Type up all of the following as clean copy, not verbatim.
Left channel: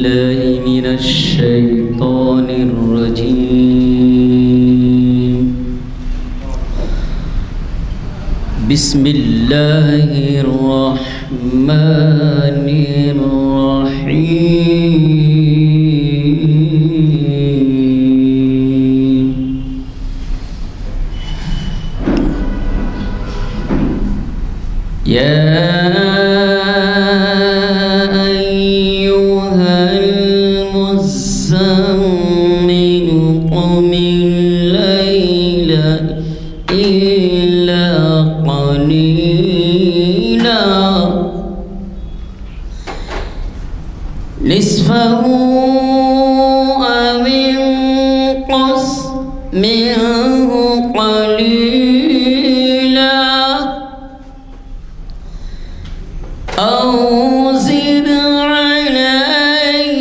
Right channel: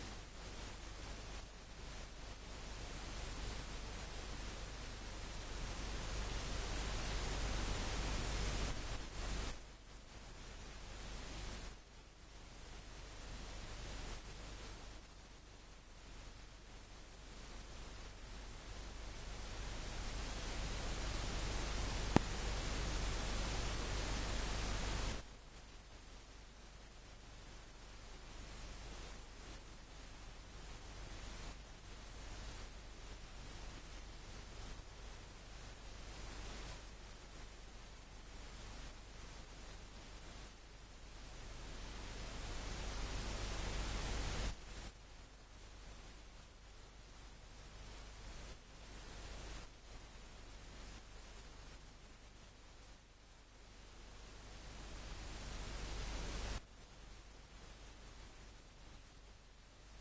الله من الشيطان الرجيم. بسم الله الرحمن الرحيم. يا نصفه أو انقص منه قليلا أو زد عليه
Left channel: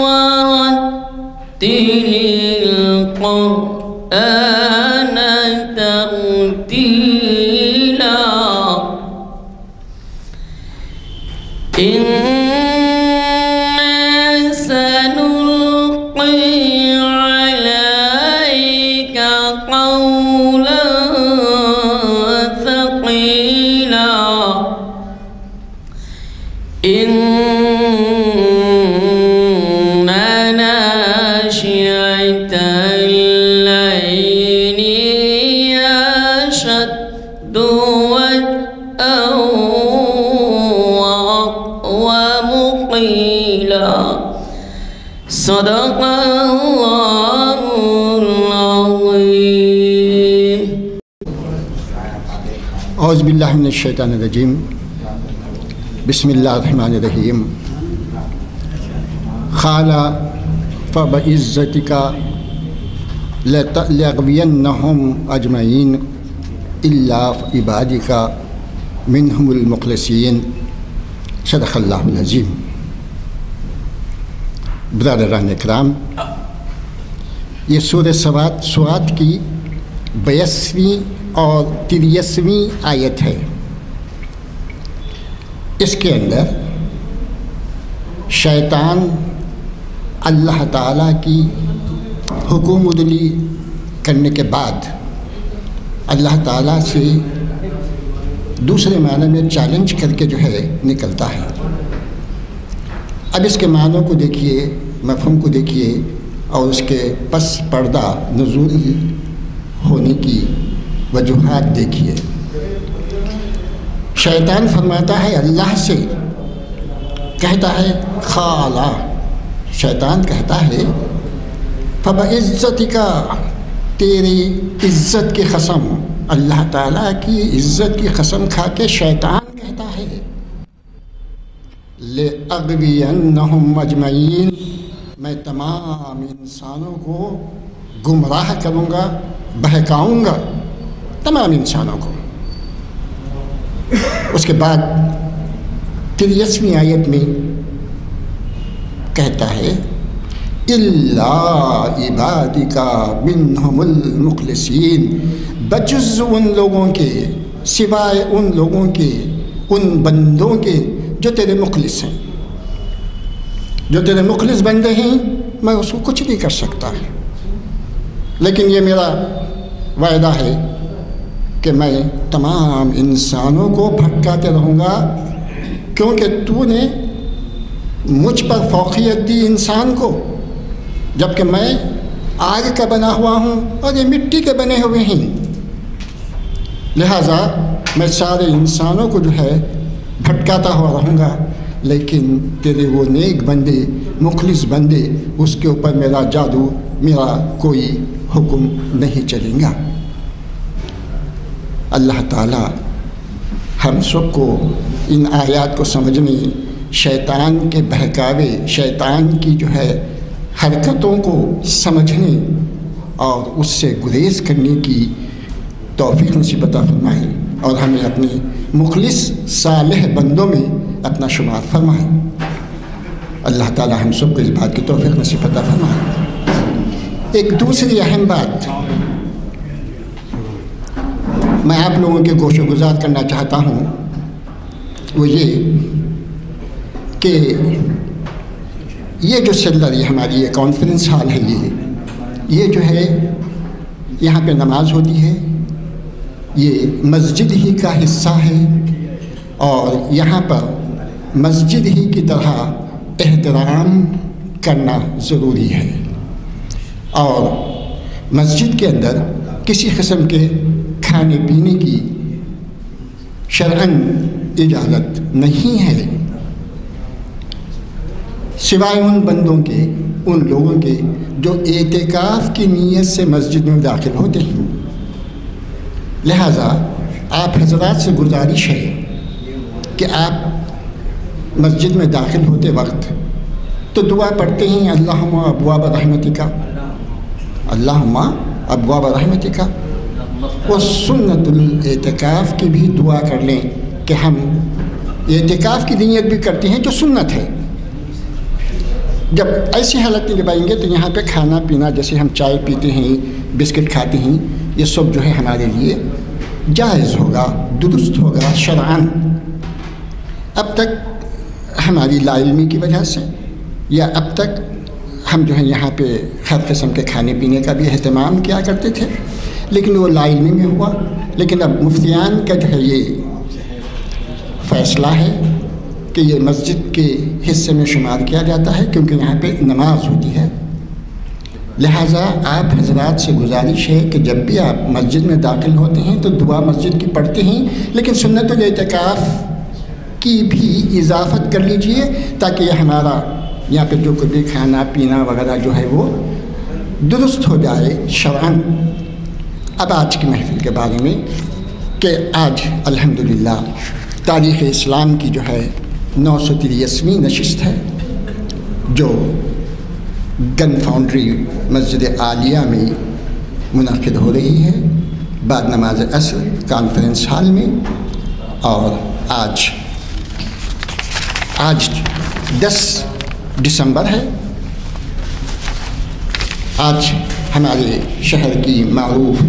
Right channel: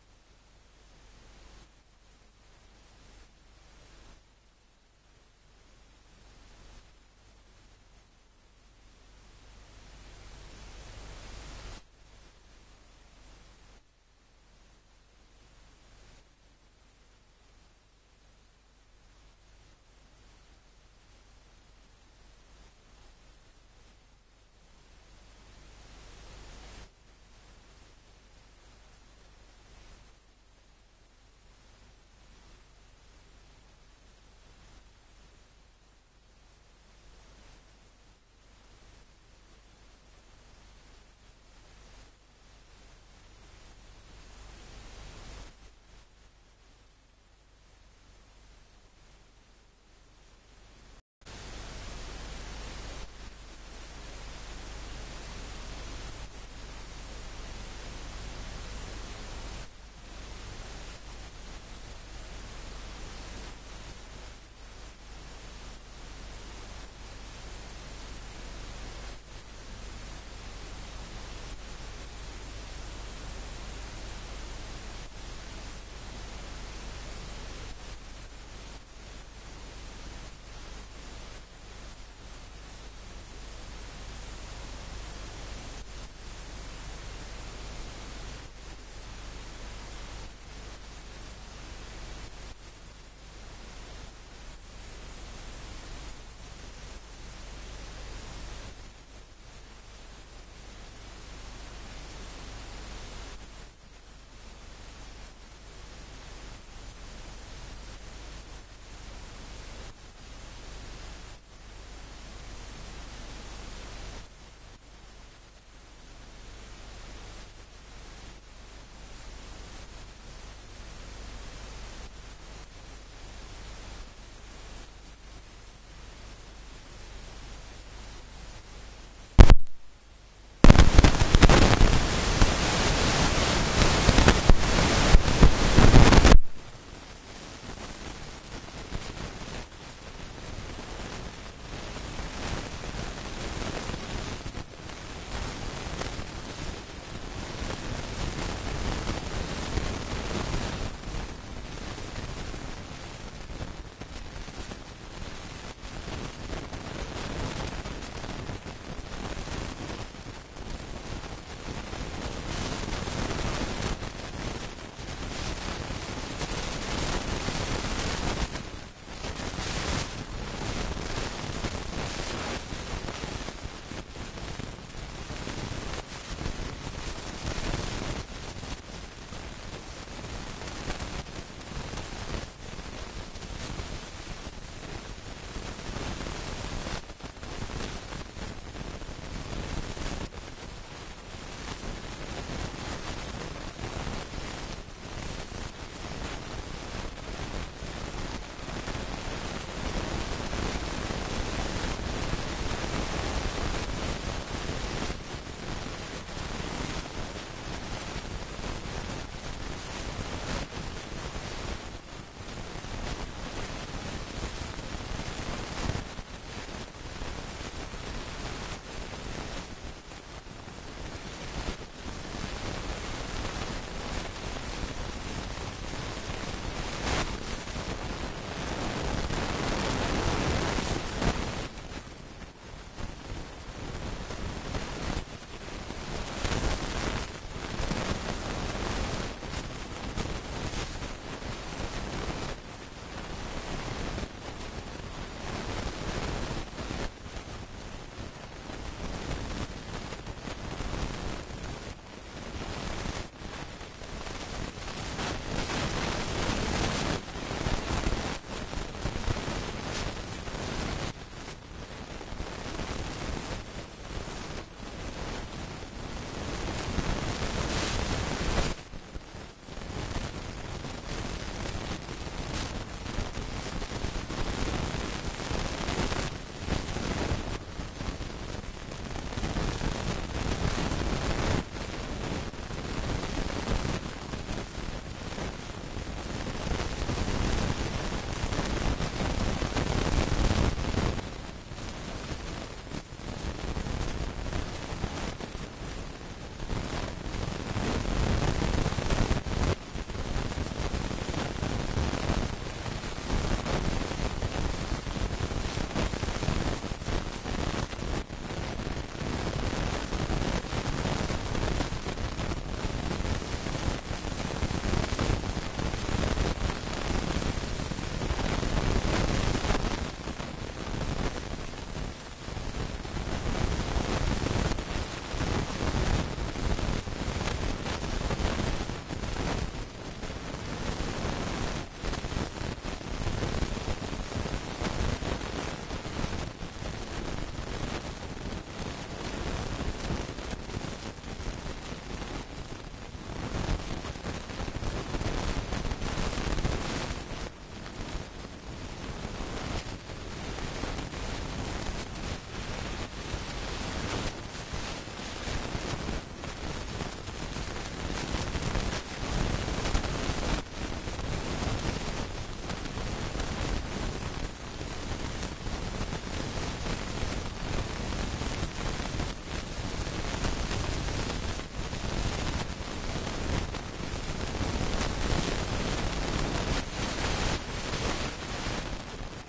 ورتل القرآن ترتيلا. إن ناشئة الليل هي أشد وطئا ومقيلا. صدق الله العظيم. اعوذ باللہ من الشیطان الرجیم. بسم اللہ الرحمن الرحیم. قال فبعزتک لأغوینہم اجمعین الا عبادک منہم المخلصین. صدق اللہ العظیم. برادران اکرام، یہ سورہ سواد کی 82ویں اور 83ویں آیت ہے. اس کے اندر شیطان اللہ تعالیٰ کی حکم عدلی کرنے کے بعد اللہ تعالیٰ سے دوسرے معنی میں چیلنج کر کے جو ہے نکلتا ہے. اب اس کے معنوں کو دیکھیے، مفہوم کو دیکھیے اور اس کے پس پردہ نزول ہونے کی وجوہات دیکھیے. شیطان فرماتا ہے اللہ سے، کہتا ہے خالا، شیطان کہتا ہے فبعزتک، تیری عزت کی قسم، اللہ تعالیٰ کی عزت کی قسم کھا کے شیطان کہتا ہے لأغوینہم اجمعین، میں تمام انسانوں کو گمراہ کروں گا، بہکاؤں گا تمام انسانوں کو. اس کے بعد 83ویں آیت میں کہتا ہے الا عبادک منہم المخلصین، بجز ان لوگوں کے، سوائے ان لوگوں کے، ان بندوں کے جو تیرے مخلص ہیں. جو تیرے مخلص بندے ہیں میں اس کو کچھ نہیں کر سکتا، لیکن یہ میرا وعدہ ہے کہ میں تمام انسانوں کو بھٹکاتے رہوں گا، کیونکہ تو نے مجھ پر فوقیت دی انسان کو، جبکہ میں آگ کا بنا ہوا ہوں اور یہ مٹی کے بنے ہوئے ہیں. لہٰذا میں سارے انسانوں کو جو ہے بھٹکاتا ہوا رہوں گا، لیکن تیرے وہ نیک بندے، مخلص بندے، اس کے اوپر میرا جادو، میرا کوئی حکم نہیں چلیں گا. اللہ تعالیٰ ہم سب کو ان آیات کو سمجھنے، شیطان کے بہکاوے، شیطان کی جو ہے حرکتوں کو سمجھنے اور اس سے گریز کرنے کی توفیق نصیب عطا فرمائے، اور ہمیں اپنے مخلص صالح بندوں میں اپنا شمار فرمائے. اللہ تعالیٰ ہم سب کو اس بات کی توفیق نصیب عطا فرمائے. ایک دوسری اہم بات میں آپ لوگوں کے گوش و گزار کرنا چاہتا ہوں، وہ یہ کہ یہ جو چل رہی ہے ہماری یہ کانفرنس ہال ہے، یہ جو ہے یہاں پہ نماز ہوتی ہے، یہ مسجد ہی کا حصہ ہے، اور یہاں پر مسجد ہی کی طرح احترام کرنا ضروری ہے، اور مسجد کے اندر کسی قسم کے کھانے پینے کی شرعاً اجازت نہیں ہے، سوائے ان بندوں کے، ان لوگوں کے جو اعتکاف کی نیت سے مسجد میں داخل ہوتے ہیں۔ لہٰذا آپ حضرات سے گزارش ہے کہ آپ مسجد میں داخل ہوتے وقت تو دعا پڑھتے ہیں اللہم ابواب رحمتک، اللہم ابواب رحمتک، و سنت الاعتکاف کی بھی دعا کر لیں کہ ہم اعتکاف کی نیت بھی کرتے ہیں جو سنت ہے۔ جب ایسی حالت میں جب آئیں گے تو یہاں پہ کھانا پینا، جیسے ہم چائے پیتے ہیں، بسکٹ کھاتے ہیں، یہ سب جو ہے ہمارے لیے جائز ہوگا، درست ہوگا شرعاً۔ اب تک ہماری لا علمی کی وجہ سے یا اب تک ہم جو ہے یہاں پہ ہر قسم کے کھانے پینے کا بھی اہتمام کیا کرتے تھے، لیکن وہ لا علمی میں ہوا۔ لیکن اب مفتیان کا جو ہے یہ فیصلہ ہے کہ یہ مسجد کے حصے میں شمار کیا جاتا ہے، کیونکہ یہاں پہ نماز ہوتی ہے۔ لہٰذا آپ حضرات سے گزارش ہے کہ جب بھی آپ مسجد میں داخل ہوتے ہیں تو دعا مسجد کی پڑھتے ہیں، لیکن سنت الاعتکاف کی بھی اضافت کر لیجئے تاکہ یہ ہمارا یہاں پہ جو کبھی کھانا پینا وغیرہ جو ہے وہ درست ہو جائے شرعاً۔ اب آج کی محفل کے بارے میں کہ آج الحمدللہ تاریخ اسلام کی جو ہے 983ویں نشست ہے، جو گن فاؤنڈری مسجد عالیہ میں منعقد ہو رہی ہے بعد نماز عصر کانفرنس ہال میں۔ اور آج 10 دسمبر ہے۔ آج ہمارے شہر کی معروف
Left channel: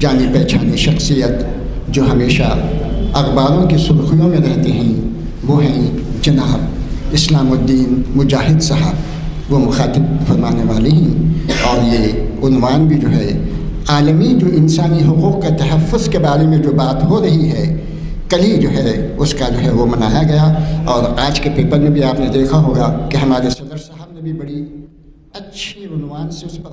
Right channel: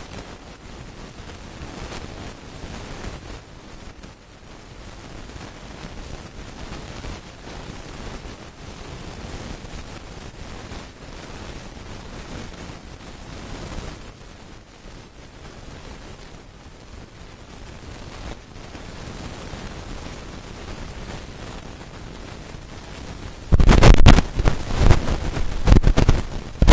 جانی پہچانی شخصیت جو ہمیشہ اخباروں کی سرخیوں میں رہتے ہیں وہ ہیں جناب اسلام الدین مجاہد صاحب، وہ مخاطب فرمانے والے ہیں، اور یہ عنوان بھی جو ہے عالمی جو انسانی حقوق کا تحفظ کے بارے میں جو بات ہو رہی ہے، کل ہی جو ہے اس کا جو ہے وہ منایا گیا، اور آج کے پیپر میں بھی آپ نے دیکھا ہوگا کہ ہمارے بھی بڑی اچھی عنوان سے اس پر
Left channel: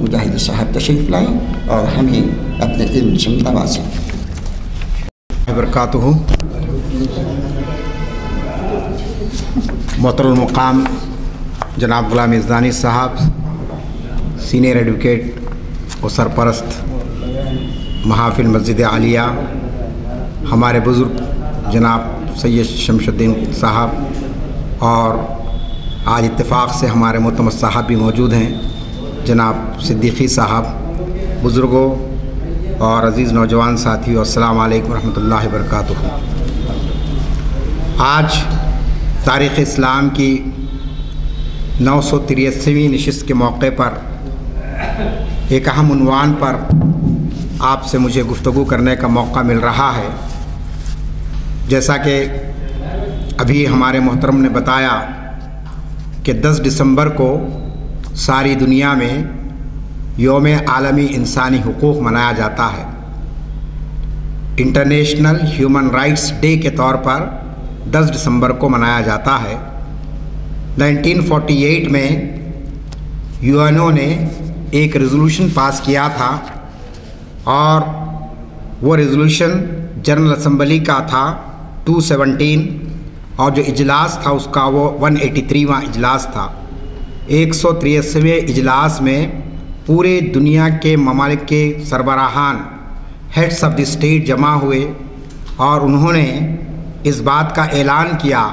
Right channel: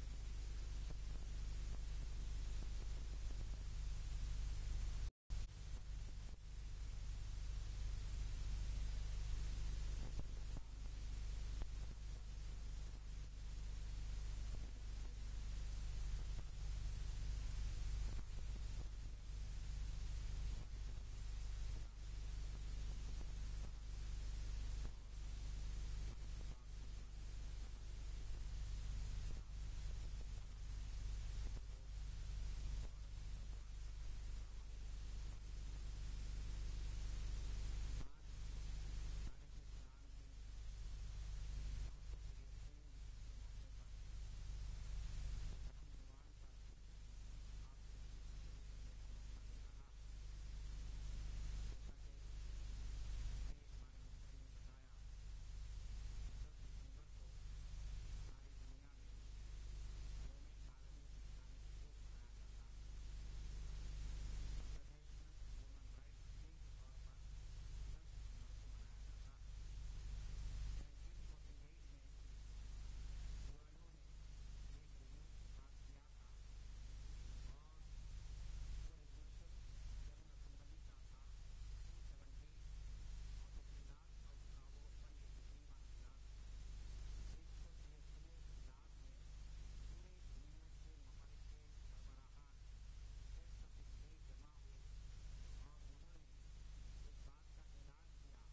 مجاہد صاحب تشریف لائیں اور ہمیں اپنے علم سے نوازیں۔ وبرکاتہ۔ محترم المقام جناب غلام یزدانی صاحب، سینئر ایڈوکیٹ و سرپرست محافل مسجد عالیہ، ہمارے بزرگ جناب سید شمس الدین صاحب، اور آج اتفاق سے ہمارے معتمد صاحب بھی موجود ہیں جناب صدیقی صاحب، بزرگوں اور عزیز نوجوان ساتھیوں، السلام علیکم ورحمۃ اللہ وبرکاتہ۔ آج تاریخ اسلام کی 983ویں نشست کے موقع پر ایک اہم عنوان پر آپ سے مجھے گفتگو کرنے کا موقع مل رہا ہے۔ جیسا کہ ابھی ہمارے محترم نے بتایا کہ 10 دسمبر کو ساری دنیا میں یوم عالمی انسانی حقوق منایا جاتا ہے۔ انٹرنیشنل ہیومن رائٹس ڈے کے طور پر 10 دسمبر کو منایا جاتا ہے۔ 1948 میں UN نے ایک ریزولوشن پاس کیا تھا، اور وہ ریزولوشن جنرل اسمبلی کا تھا 217، اور جو اجلاس تھا اس کا وہ 183واں اجلاس تھا۔ 183ویں اجلاس میں پورے دنیا کے ممالک کے سربراہان، ہیڈس آف دی اسٹیٹ جمع ہوئے، اور انہوں نے اس بات کا اعلان کیا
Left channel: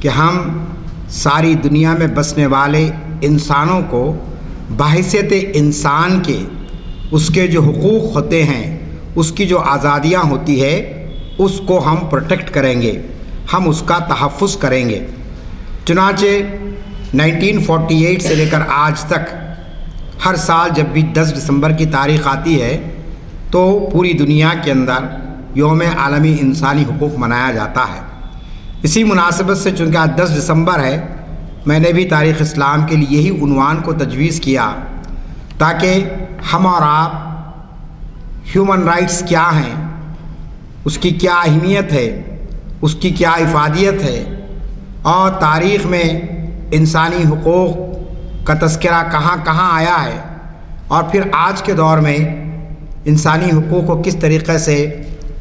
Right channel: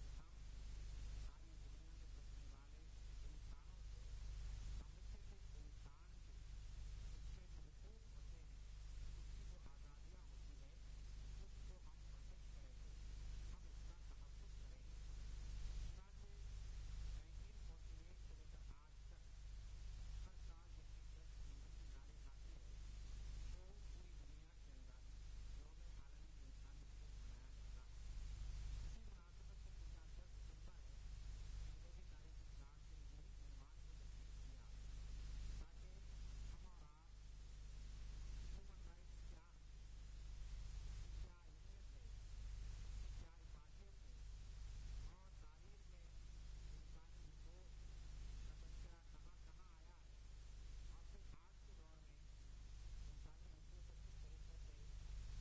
کہ ہم ساری دنیا میں بسنے والے انسانوں کو بحیثیت انسان کے اس کے جو حقوق ہوتے ہیں، اس کی جو آزادیاں ہوتی ہے، اس کو ہم پروٹیکٹ کریں گے، ہم اس کا تحفظ کریں گے۔ چنانچہ 1948 سے لے کر آج تک ہر سال جب بھی 10 دسمبر کی تاریخ آتی ہے تو پوری دنیا کے اندر یوم عالمی انسانی حقوق منایا جاتا ہے۔ اسی مناسبت سے چونکہ آج 10 دسمبر ہے، میں نے بھی تاریخ اسلام کے لیے یہی عنوان کو تجویز کیا تاکہ ہم اور آپ ہیومن رائٹس کیا ہیں، اس کی کیا اہمیت ہے، اس کی کیا افادیت ہے، اور تاریخ میں انسانی حقوق کا تذکرہ کہاں کہاں آیا ہے، اور پھر آج کے دور میں انسانی حقوق کو کس طریقے سے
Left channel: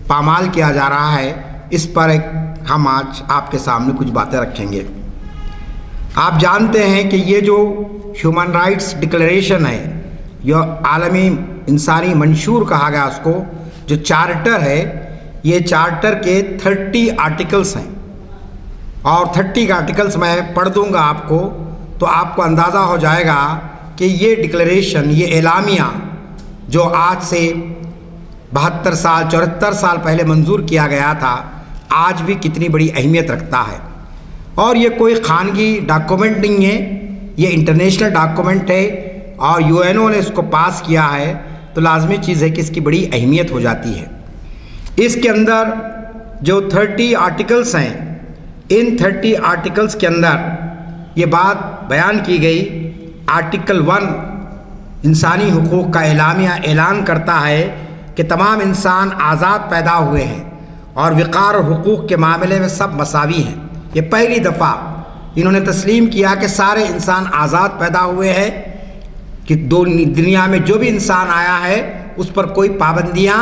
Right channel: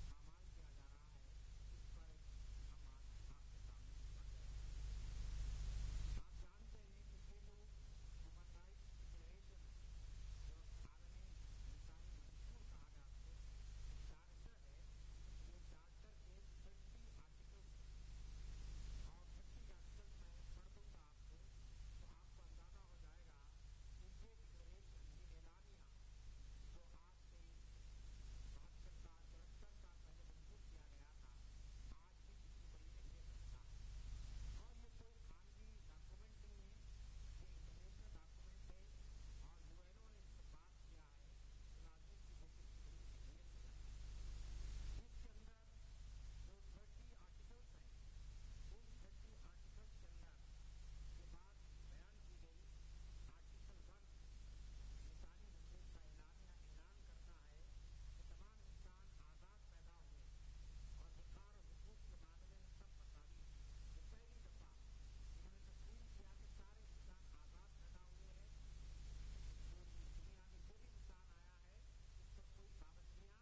پامال کیا جا رہا ہے، اس پر ہم آج آپ کے سامنے کچھ باتیں رکھیں گے۔ آپ جانتے ہیں کہ یہ جو ہیومن رائٹس ڈکلیریشن ہے، یہ عالمی انسانی منشور کہا گیا اس کو، جو چارٹر ہے، یہ چارٹر کے 30 آرٹیکلز ہیں، اور 30 آرٹیکلز میں پڑھ دوں گا آپ کو، تو آپ کو اندازہ ہو جائے گا کہ یہ ڈکلیریشن، یہ اعلامیہ جو آج سے 72 سال 74 سال پہلے منظور کیا گیا تھا، آج بھی کتنی بڑی اہمیت رکھتا ہے۔ اور یہ کوئی خانگی ڈاکومنٹ نہیں ہے، یہ انٹرنیشنل ڈاکومنٹ ہے، اور UN نے اس کو پاس کیا ہے، تو لازمی چیز ہے کہ اس کی بڑی اہمیت ہو جاتی ہے۔ اس کے اندر جو 30 آرٹیکلز ہیں، ان 30 آرٹیکلز کے اندر یہ بات بیان کی گئی۔ آرٹیکل 1 انسانی حقوق کا اعلامیہ اعلان کرتا ہے کہ تمام انسان آزاد پیدا ہوئے ہیں اور وقار اور حقوق کے معاملے میں سب مساوی ہیں۔ یہ پہلی دفعہ انہوں نے تسلیم کیا کہ سارے انسان آزاد پیدا ہوئے ہیں، کہ دنیا میں جو بھی انسان آیا ہے اس پر کوئی پابندیاں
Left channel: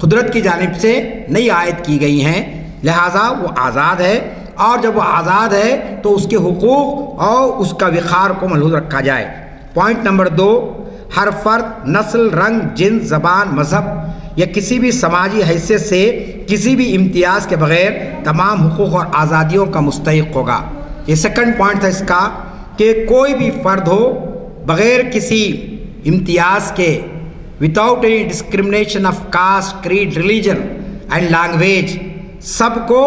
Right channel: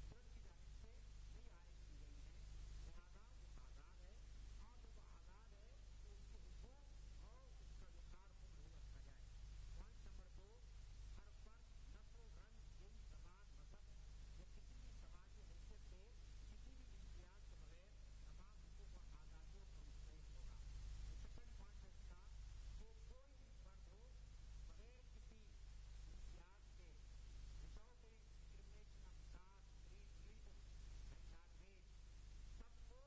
قدرت کی جانب سے نہیں عائد کی گئی ہیں، لہٰذا وہ آزاد ہے، اور جب وہ آزاد ہے تو اس کے حقوق اور اس کا وقار کو ملحوظ رکھا جائے۔ پوائنٹ نمبر 2، ہر فرد نسل، رنگ، جنس، زبان، مذہب یا کسی بھی سماجی حیثیت سے کسی بھی امتیاز کے بغیر تمام حقوق اور آزادیوں کا مستحق ہوگا۔ یہ سیکنڈ پوائنٹ تھا اس کا، کہ کوئی بھی فرد ہو بغیر کسی امتیاز کے، without any discrimination of caste, creed, religion and language، سب کو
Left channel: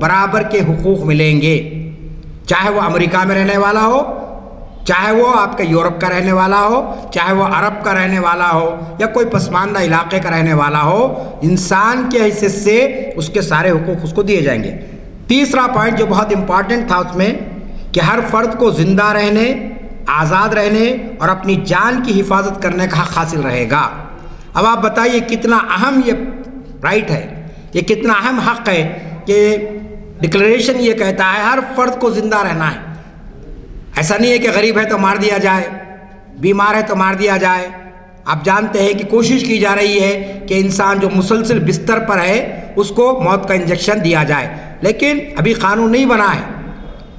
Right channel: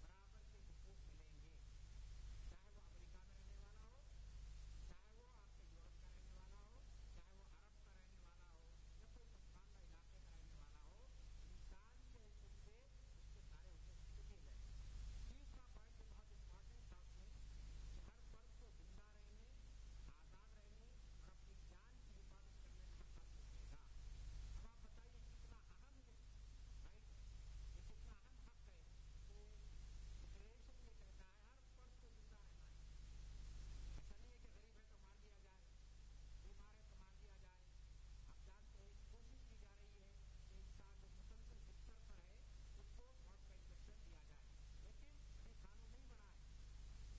برابر کے حقوق ملیں گے، چاہے وہ امریکہ میں رہنے والا ہو، چاہے وہ آپ کے یورپ کا رہنے والا ہو، چاہے وہ عرب کا رہنے والا ہو، یا کوئی پسماندہ علاقے کا رہنے والا ہو، انسان کی حیثیت سے اس کے سارے حقوق اس کو دیے جائیں گے۔ تیسرا پوائنٹ جو بہت امپارٹنٹ تھا اس میں، کہ ہر فرد کو زندہ رہنے، آزاد رہنے اور اپنی جان کی حفاظت کرنے کا حق حاصل رہے گا۔ اب آپ بتائیے کتنا اہم یہ رائٹ ہے، یہ کتنا اہم حق ہے کہ ڈکلیریشن یہ کہتا ہے ہر فرد کو زندہ رہنا ہے۔ ایسا نہیں ہے کہ غریب ہے تو مار دیا جائے، بیمار ہے تو مار دیا جائے۔ آپ جانتے ہیں کہ کوشش کی جا رہی ہے کہ انسان جو مسلسل بستر پر ہے اس کو موت کا انجیکشن دیا جائے، لیکن ابھی قانون نہیں بنا ہے،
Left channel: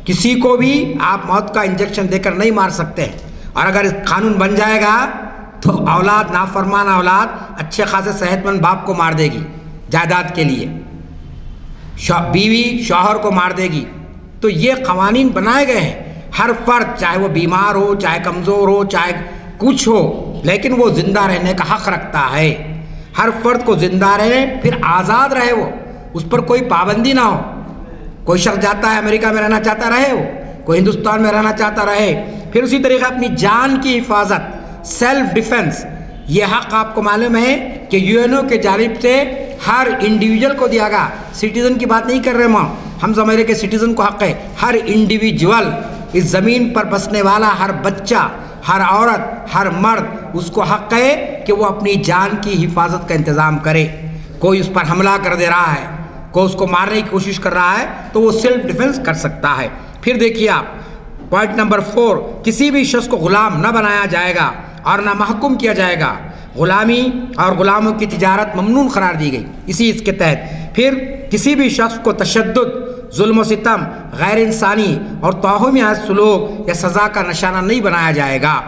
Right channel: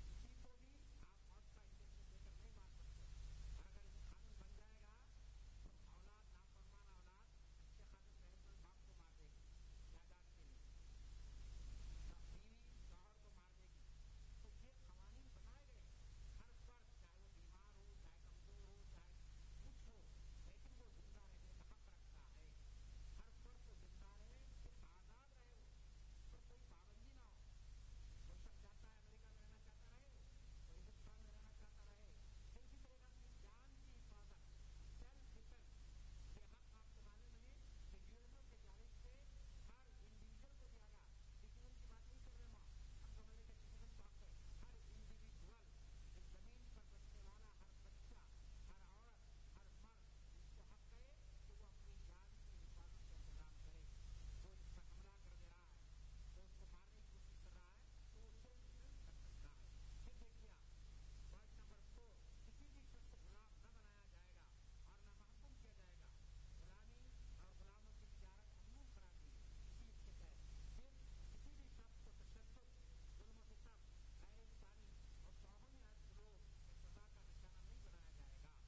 کسی کو بھی آپ موت کا انجیکشن دے کر نہیں مار سکتے ہیں۔ اور اگر قانون بن جائے گا تو اولاد، نافرمان اولاد اچھے خاصے صحت مند باپ کو مار دے گی جائیداد کے لیے، بیوی شوہر کو مار دے گی۔ تو یہ قوانین بنائے گئے ہیں، ہر فرد چاہے وہ بیمار ہو، چاہے کمزور ہو، چاہے کچھ ہو، لیکن وہ زندہ رہنے کا حق رکھتا ہے۔ ہر فرد کو زندہ رہے، پھر آزاد رہے، وہ اس پر کوئی پابندی نہ ہو۔ کوئی شخص جاتا ہے امریکہ میں رہنا چاہتا رہے، وہ کوئی ہندوستان میں رہنا چاہتا رہے۔ پھر اسی طریقے اپنی جان کی حفاظت، سیلف ڈیفنس، یہ حق آپ کو معلوم ہے کہ UN کے جانب سے ہر انڈیویجول کو دیا گیا۔ سٹیزن کی بات نہیں کر رہے ہم زمانے کے سٹیزن کو حق ہے، ہر انڈیویجول، اس زمین پر بسنے والا ہر بچہ، ہر عورت، ہر مرد، اس کو حق ہے کہ وہ اپنی جان کی حفاظت کا انتظام کرے۔ کوئی اس پر حملہ کر دے رہا ہے، کوئی اس کو مارنے کی کوشش کر رہا ہے، تو وہ سیلف ڈیفنس کر سکتا ہے۔ پھر دیکھیے آپ پوائنٹ نمبر 4، کسی بھی شخص کو غلام نہ بنایا جائے گا اور نہ محکوم کیا جائے گا۔ غلامی اور غلاموں کی تجارت ممنوع قرار دی گئی اس کے تحت۔ پھر کسی بھی شخص کو تشدد، ظلم و ستم، غیر انسانی اور توہین سلوک یا سزا کا نشانہ نہیں بنایا جائے گا،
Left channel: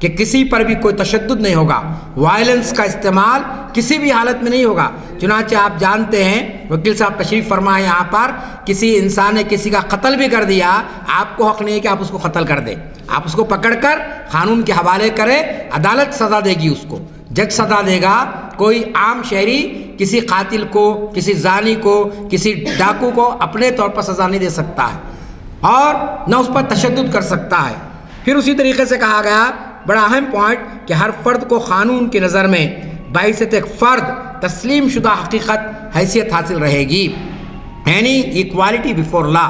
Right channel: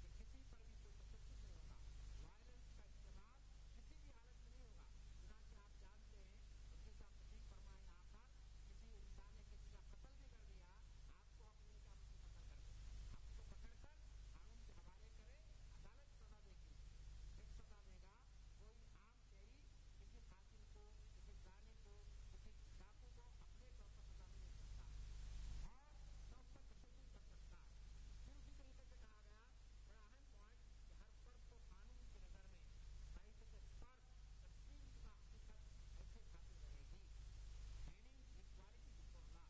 کہ کسی پر بھی کوئی تشدد نہیں ہوگا، وائلنس کا استعمال کسی بھی حالت میں نہیں ہوگا۔ چنانچہ آپ جانتے ہیں، وکیل صاحب تشریف فرمائے یہاں پر، کسی انسان نے کسی کا قتل بھی کر دیا، آپ کو حق نہیں ہے کہ آپ اس کو قتل کر دیں، آپ اس کو پکڑ کر قانون کے حوالے کریں، عدالت سزا دے گی، اس کو جج سزا دے گا۔ کوئی عام شہری کسی قاتل کو، کسی زانی کو، کسی ڈاکو کو اپنے طور پر سزا نہیں دے سکتا ہے، اور نہ اس پر تشدد کر سکتا ہے۔ پھر اسی طریقے سے کہا گیا، بڑا اہم پوائنٹ، کہ ہر فرد کو قانون کی نظر میں بحیثیت ایک فرد تسلیم شدہ حقیقت حیثیت حاصل رہے گی، یعنی ایکوالٹی بیفور لا،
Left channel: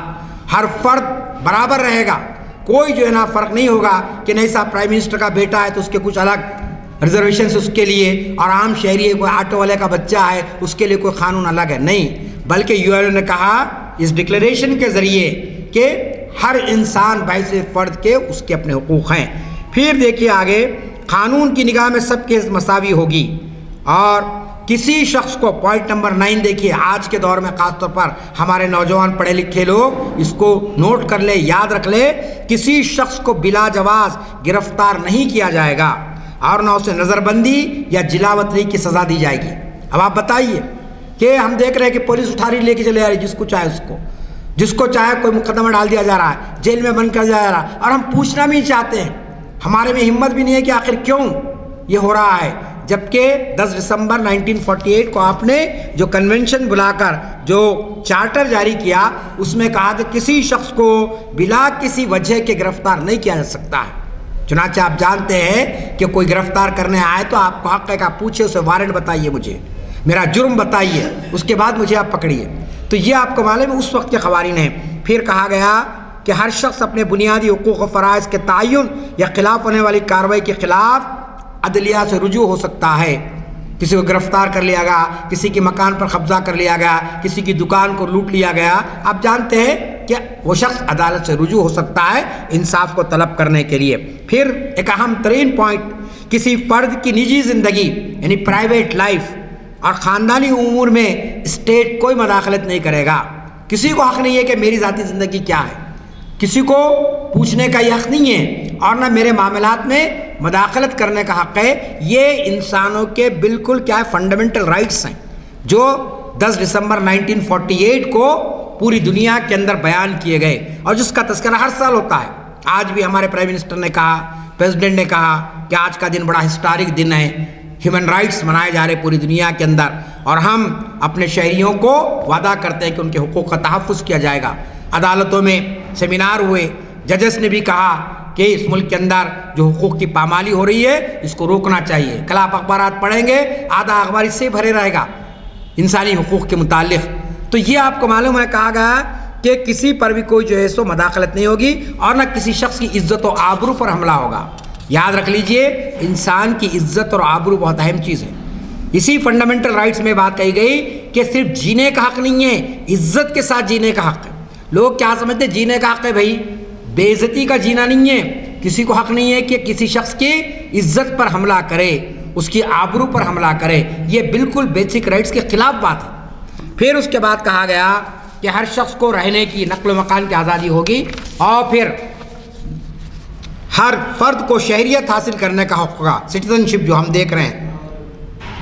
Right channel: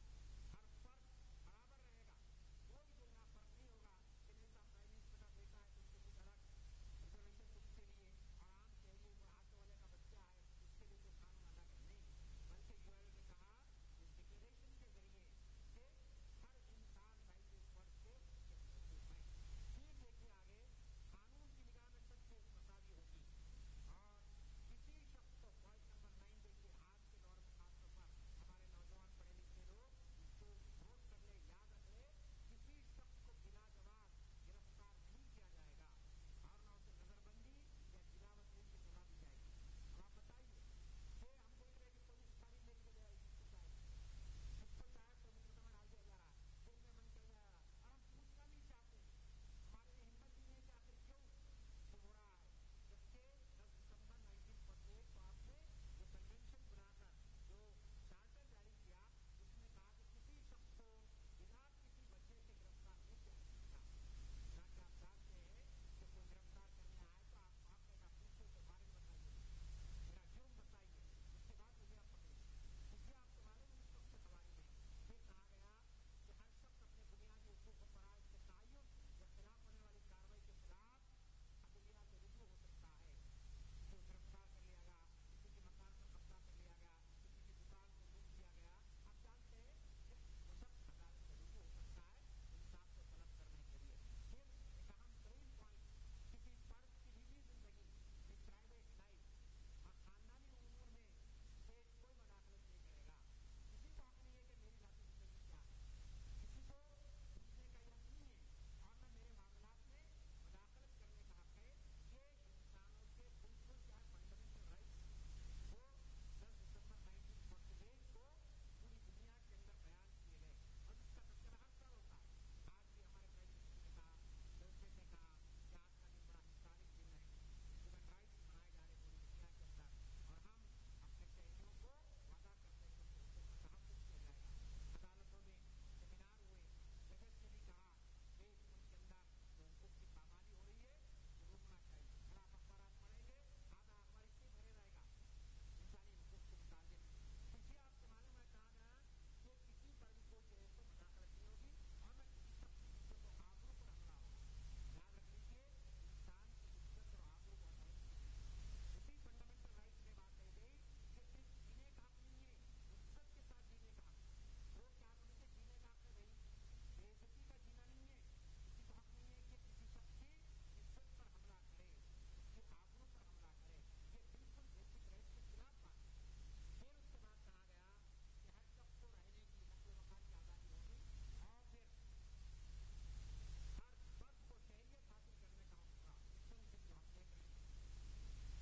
ہر فرد برابر رہے گا، کوئی جو ہے نا فرق نہیں ہوگا کہ نہیں صاحب پرائم منسٹر کا بیٹا ہے تو اس کے کچھ الگ ریزرویشنز اس کے لیے، اور عام شہری کوئی آٹو والے کا بچہ ہے اس کے لیے کوئی قانون الگ ہے، نہیں، بلکہ یو این او نے کہا اس ڈکلیریشن کے ذریعے کہ ہر انسان باعث فرد کے اس کے اپنے حقوق ہیں۔ پھر دیکھیے آگے، قانون کی نگاہ میں سب کے مساوی ہوگی، اور کسی شخص کو، پوائنٹ نمبر 9 دیکھیے، آج کے دور میں خاص طور پر ہمارے نوجوان پڑھے لکھے لوگ اس کو نوٹ کر لے، یاد رکھ لے، کسی شخص کو بلا جواز گرفتار نہیں کیا جائے گا اور نہ اسے نظر بندی یا جلاوطنی کی سزا دی جائے گی۔ اب آپ بتائیے کہ ہم دیکھ رہے ہیں کہ پولیس اٹھا رہی، لے کے چلے جا رہی، جس کو چاہے کوئی مقدمہ ڈال دیا جا رہا ہے، جیل میں بند کر دیا جا رہا ہے، اور ہم پوچھنا بھی نہیں چاہتے ہیں، ہمارے میں ہمت بھی نہیں ہے کہ آخر کیوں یہ ہو رہا ہے، جبکہ 10 دسمبر 1948 کو آپ نے جو کنونشن بلا کر جو چارٹر جاری کیا، اس میں کہا کہ کسی شخص کو بلا کسی وجہ کے گرفتار نہیں کیا جا سکتا ہے۔ چنانچہ آپ جانتے ہیں کہ کوئی گرفتار کرنے آئے تو آپ کو حق ہے کہ آپ پوچھے اسے وارنٹ بتائیے، مجھے میرا جرم بتائیے، اس کے بعد مجھے آپ پکڑیے۔ تو یہ آپ کو معلوم ہے اس وقت کے قوانین ہیں۔ پھر کہا گیا کہ ہر شخص اپنے بنیادی حقوق و فرائض کے تعین یا خلاف ہونے والی کارروائی کے خلاف عدلیہ سے رجوع ہو سکتا ہے۔ کسی کو گرفتار کر لیا گیا، کسی کے مکان پر قبضہ کر لیا گیا، کسی کی دکان کو لوٹ لیا گیا، آپ جانتے ہیں کہ وہ شخص عدالت سے رجوع ہو سکتا ہے انصاف کو طلب کرنے کے لیے۔ پھر ایک اہم ترین پوائنٹ، کسی فرد کی نجی زندگی یعنی پرائیویٹ لائف اور خاندانی امور میں اسٹیٹ کوئی مداخلت نہیں کرے گا۔ کسی کو حق نہیں ہے کہ میری ذاتی زندگی کیا ہے، کسی کو پوچھنے کا یہ حق نہیں ہے، اور نہ میرے معاملات میں مداخلت کرنے کا حق ہے۔ یہ انسانوں کے بالکل کیا ہے، فنڈامنٹل رائٹس ہیں، جو 10 دسمبر 1948 کو پوری دنیا کے اندر بیان کیے گئے، اور جس کا تذکرہ ہر سال ہوتا ہے۔ آج بھی ہمارے پرائم منسٹر نے کہا، پریزیڈنٹ نے کہا کہ آج کا دن بڑا ہسٹورک دن ہے، ہیومن رائٹس منائے جا رہے پوری دنیا کے اندر، اور ہم اپنے شہریوں کو وعدہ کرتے ہیں کہ ان کے حقوق کا تحفظ کیا جائے گا۔ عدالتوں میں سیمینار ہوئے، ججز نے بھی کہا کہ اس ملک کے اندر جو حقوق کی پامالی ہو رہی ہے اس کو روکنا چاہیے۔ کل آپ اخبارات پڑھیں گے، آدھا اخبار اس سے بھرے رہے گا انسانی حقوق کے متعلق۔ تو یہ آپ کو معلوم ہے، کہا گیا کہ کسی پر بھی کوئی جو ہے سو مداخلت نہیں ہوگی، اور نہ کسی شخص کی عزت و آبرو پر حملہ ہوگا۔ یاد رکھ لیجئے، انسان کی عزت اور آبرو بہت اہم چیز ہے۔ اسی فنڈامنٹل رائٹس میں بات کہی گئی کہ صرف جینے کا حق نہیں ہے، عزت کے ساتھ جینے کا حق ہے۔ لوگ کیا سمجھتے ہیں جینے کا حق ہے بھائی، بے عزتی کا جینا نہیں ہے۔ کسی کو حق نہیں ہے کہ کسی شخص کی عزت پر حملہ کرے، اس کی آبرو پر حملہ کرے، یہ بالکل بیسک رائٹس کے خلاف بات ہے۔ پھر اس کے بعد کہا گیا کہ ہر شخص کو رہنے کی، نقل و مکان کی آزادی ہوگی، اور پھر ہر فرد کو شہریت حاصل کرنے کا حق ہوگا، سٹیزنشپ جو ہم دیکھ رہے ہیں،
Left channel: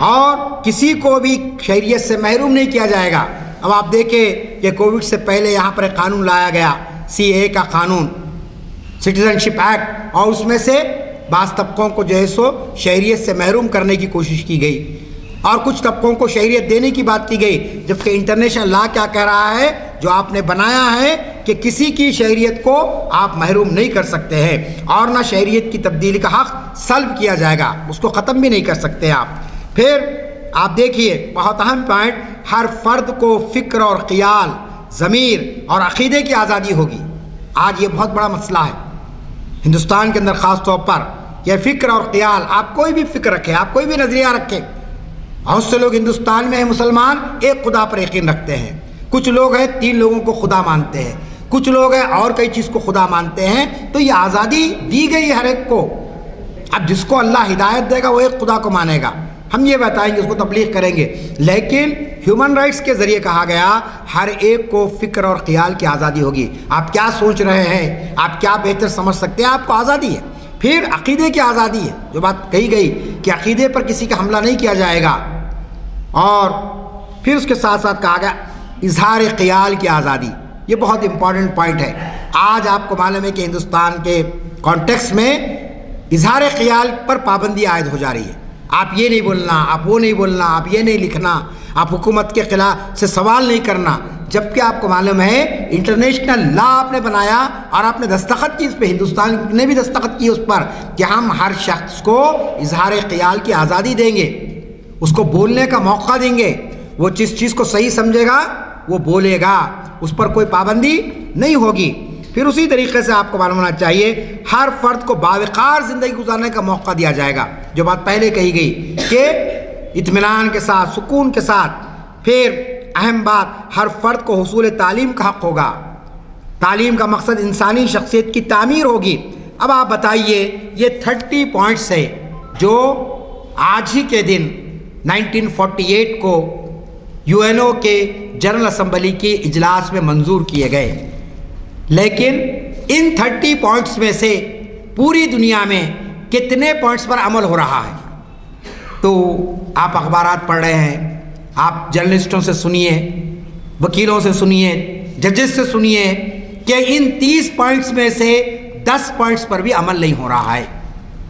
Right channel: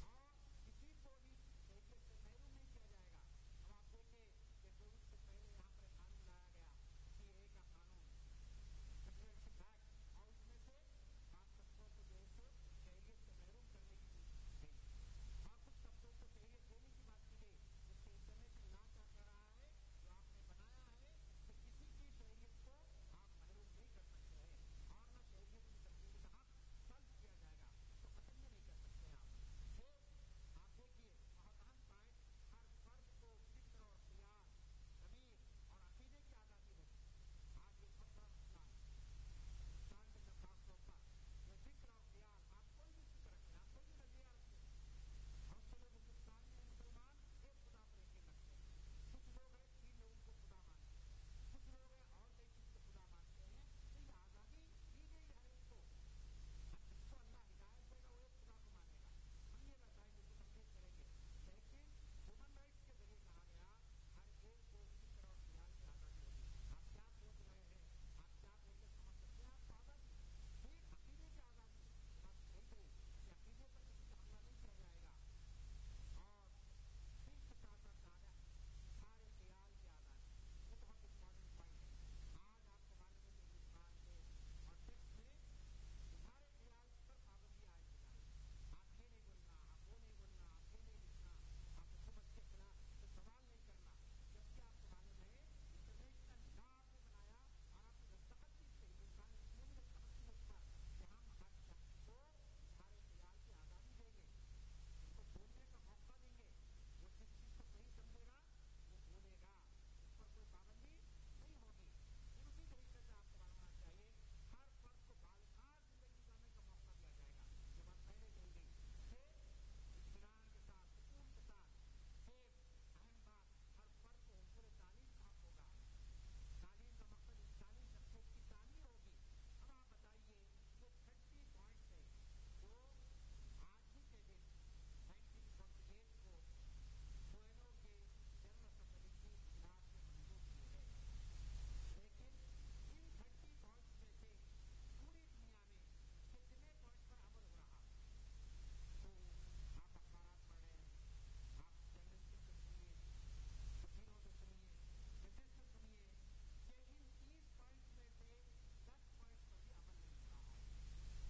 اور کسی کو بھی شہریت سے محروم نہیں کیا جائے گا۔ اب آپ دیکھیں کہ کووڈ سے پہلے یہاں پر ایک قانون لایا گیا، CAA کا قانون، سٹیزنشپ ایکٹ، اور اس میں سے بعض طبقوں کو جو ہے سو شہریت سے محروم کرنے کی کوشش کی گئی، اور کچھ طبقوں کو شہریت دینے کی بات کی گئی، جبکہ انٹرنیشنل لا کیا کہہ رہا ہے، جو آپ نے بنایا ہے کہ کسی کی شہریت کو آپ محروم نہیں کر سکتے ہیں، اور نہ شہریت کی تبدیلی کا حق سلب کیا جائے گا، اس کو ختم بھی نہیں کر سکتے آپ۔ پھر آپ دیکھیے بہت اہم پوائنٹ، ہر فرد کو فکر اور خیال، ضمیر اور عقیدے کی آزادی ہوگی۔ آج یہ بہت بڑا مسئلہ ہے ہندوستان کے اندر، خاص طور پر یہ فکر اور خیال۔ آپ کوئی بھی فکر رکھیں، آپ کوئی بھی نظریہ رکھیں، بہت سے لوگ ہندوستان میں ہیں مسلمان، ایک خدا پر یقین رکھتے ہیں، کچھ لوگ ہیں 3 لوگوں کو خدا مانتے ہیں، کچھ لوگ ہیں اور کئی چیز کو خدا مانتے ہیں۔ تو یہ آزادی دی گئی ہر ایک کو، اب جس کو اللہ ہدایت دے گا وہ ایک خدا کو مانے گا، ہم یہ بتائیں گے، اس کو تبلیغ کریں گے، لیکن ہیومن رائٹس کے ذریعے کہا گیا ہر ایک کو فکر اور خیال کی آزادی ہوگی۔ آپ کیا سوچ رہے ہیں، آپ کیا بہتر سمجھ سکتے ہیں، آپ کو آزادی ہے۔ پھر عقیدے کی آزادی ہے، جو بات کہی گئی کہ عقیدے پر کسی کا حملہ نہیں کیا جائے گا، اور پھر اس کے ساتھ ساتھ کہا گیا اظہار خیال کی آزادی۔ یہ بہت امپورٹنٹ پوائنٹ ہے۔ آج آپ کو معلوم ہے کہ ہندوستان کے کانٹیکس میں اظہار خیال پر پابندی عائد ہو جا رہی ہے، آپ یہ نہیں بولنا، آپ وہ نہیں بولنا، آپ یہ نہیں لکھنا، آپ حکومت کے خلاف سے سوال نہیں کرنا، جبکہ آپ کو معلوم ہے انٹرنیشنل لا آپ نے بنایا اور آپ نے دستخط کی اس پہ، ہندوستان نے بھی دستخط کی اس پر کہ ہم ہر شخص کو اظہار خیال کی آزادی دیں گے، اس کو بولنے کا موقع دیں گے، وہ جس چیز کو صحیح سمجھے گا وہ بولے گا، اس پر کوئی پابندی نہیں ہوگی۔ پھر اسی طریقے سے آپ کو معلوم ہونا چاہیے ہر فرد کو باوقار زندگی گزارنے کا موقع دیا جائے گا، جو بات پہلے کہی گئی کہ اطمینان کے ساتھ، سکون کے ساتھ۔ پھر اہم بات، ہر فرد کو حصول تعلیم کا حق ہوگا۔ تعلیم کا مقصد انسانی شخصیت کی تعمیر ہوگی۔ اب آپ بتائیے یہ 30 پوائنٹس ہے جو آج ہی کے دن 1948 کو UN کے جنرل اسمبلی کے اجلاس میں منظور کیے گئے، لیکن ان 30 پوائنٹس میں سے پوری دنیا میں کتنے پوائنٹس پر عمل ہو رہا ہے؟ تو آپ اخبارات پڑھ رہے ہیں، آپ جرنلسٹوں سے سنیے، وکیلوں سے سنیے، ججز سے سنیے کہ ان 30 پوائنٹس میں سے 10 پوائنٹس پر بھی عمل نہیں ہو رہا ہے۔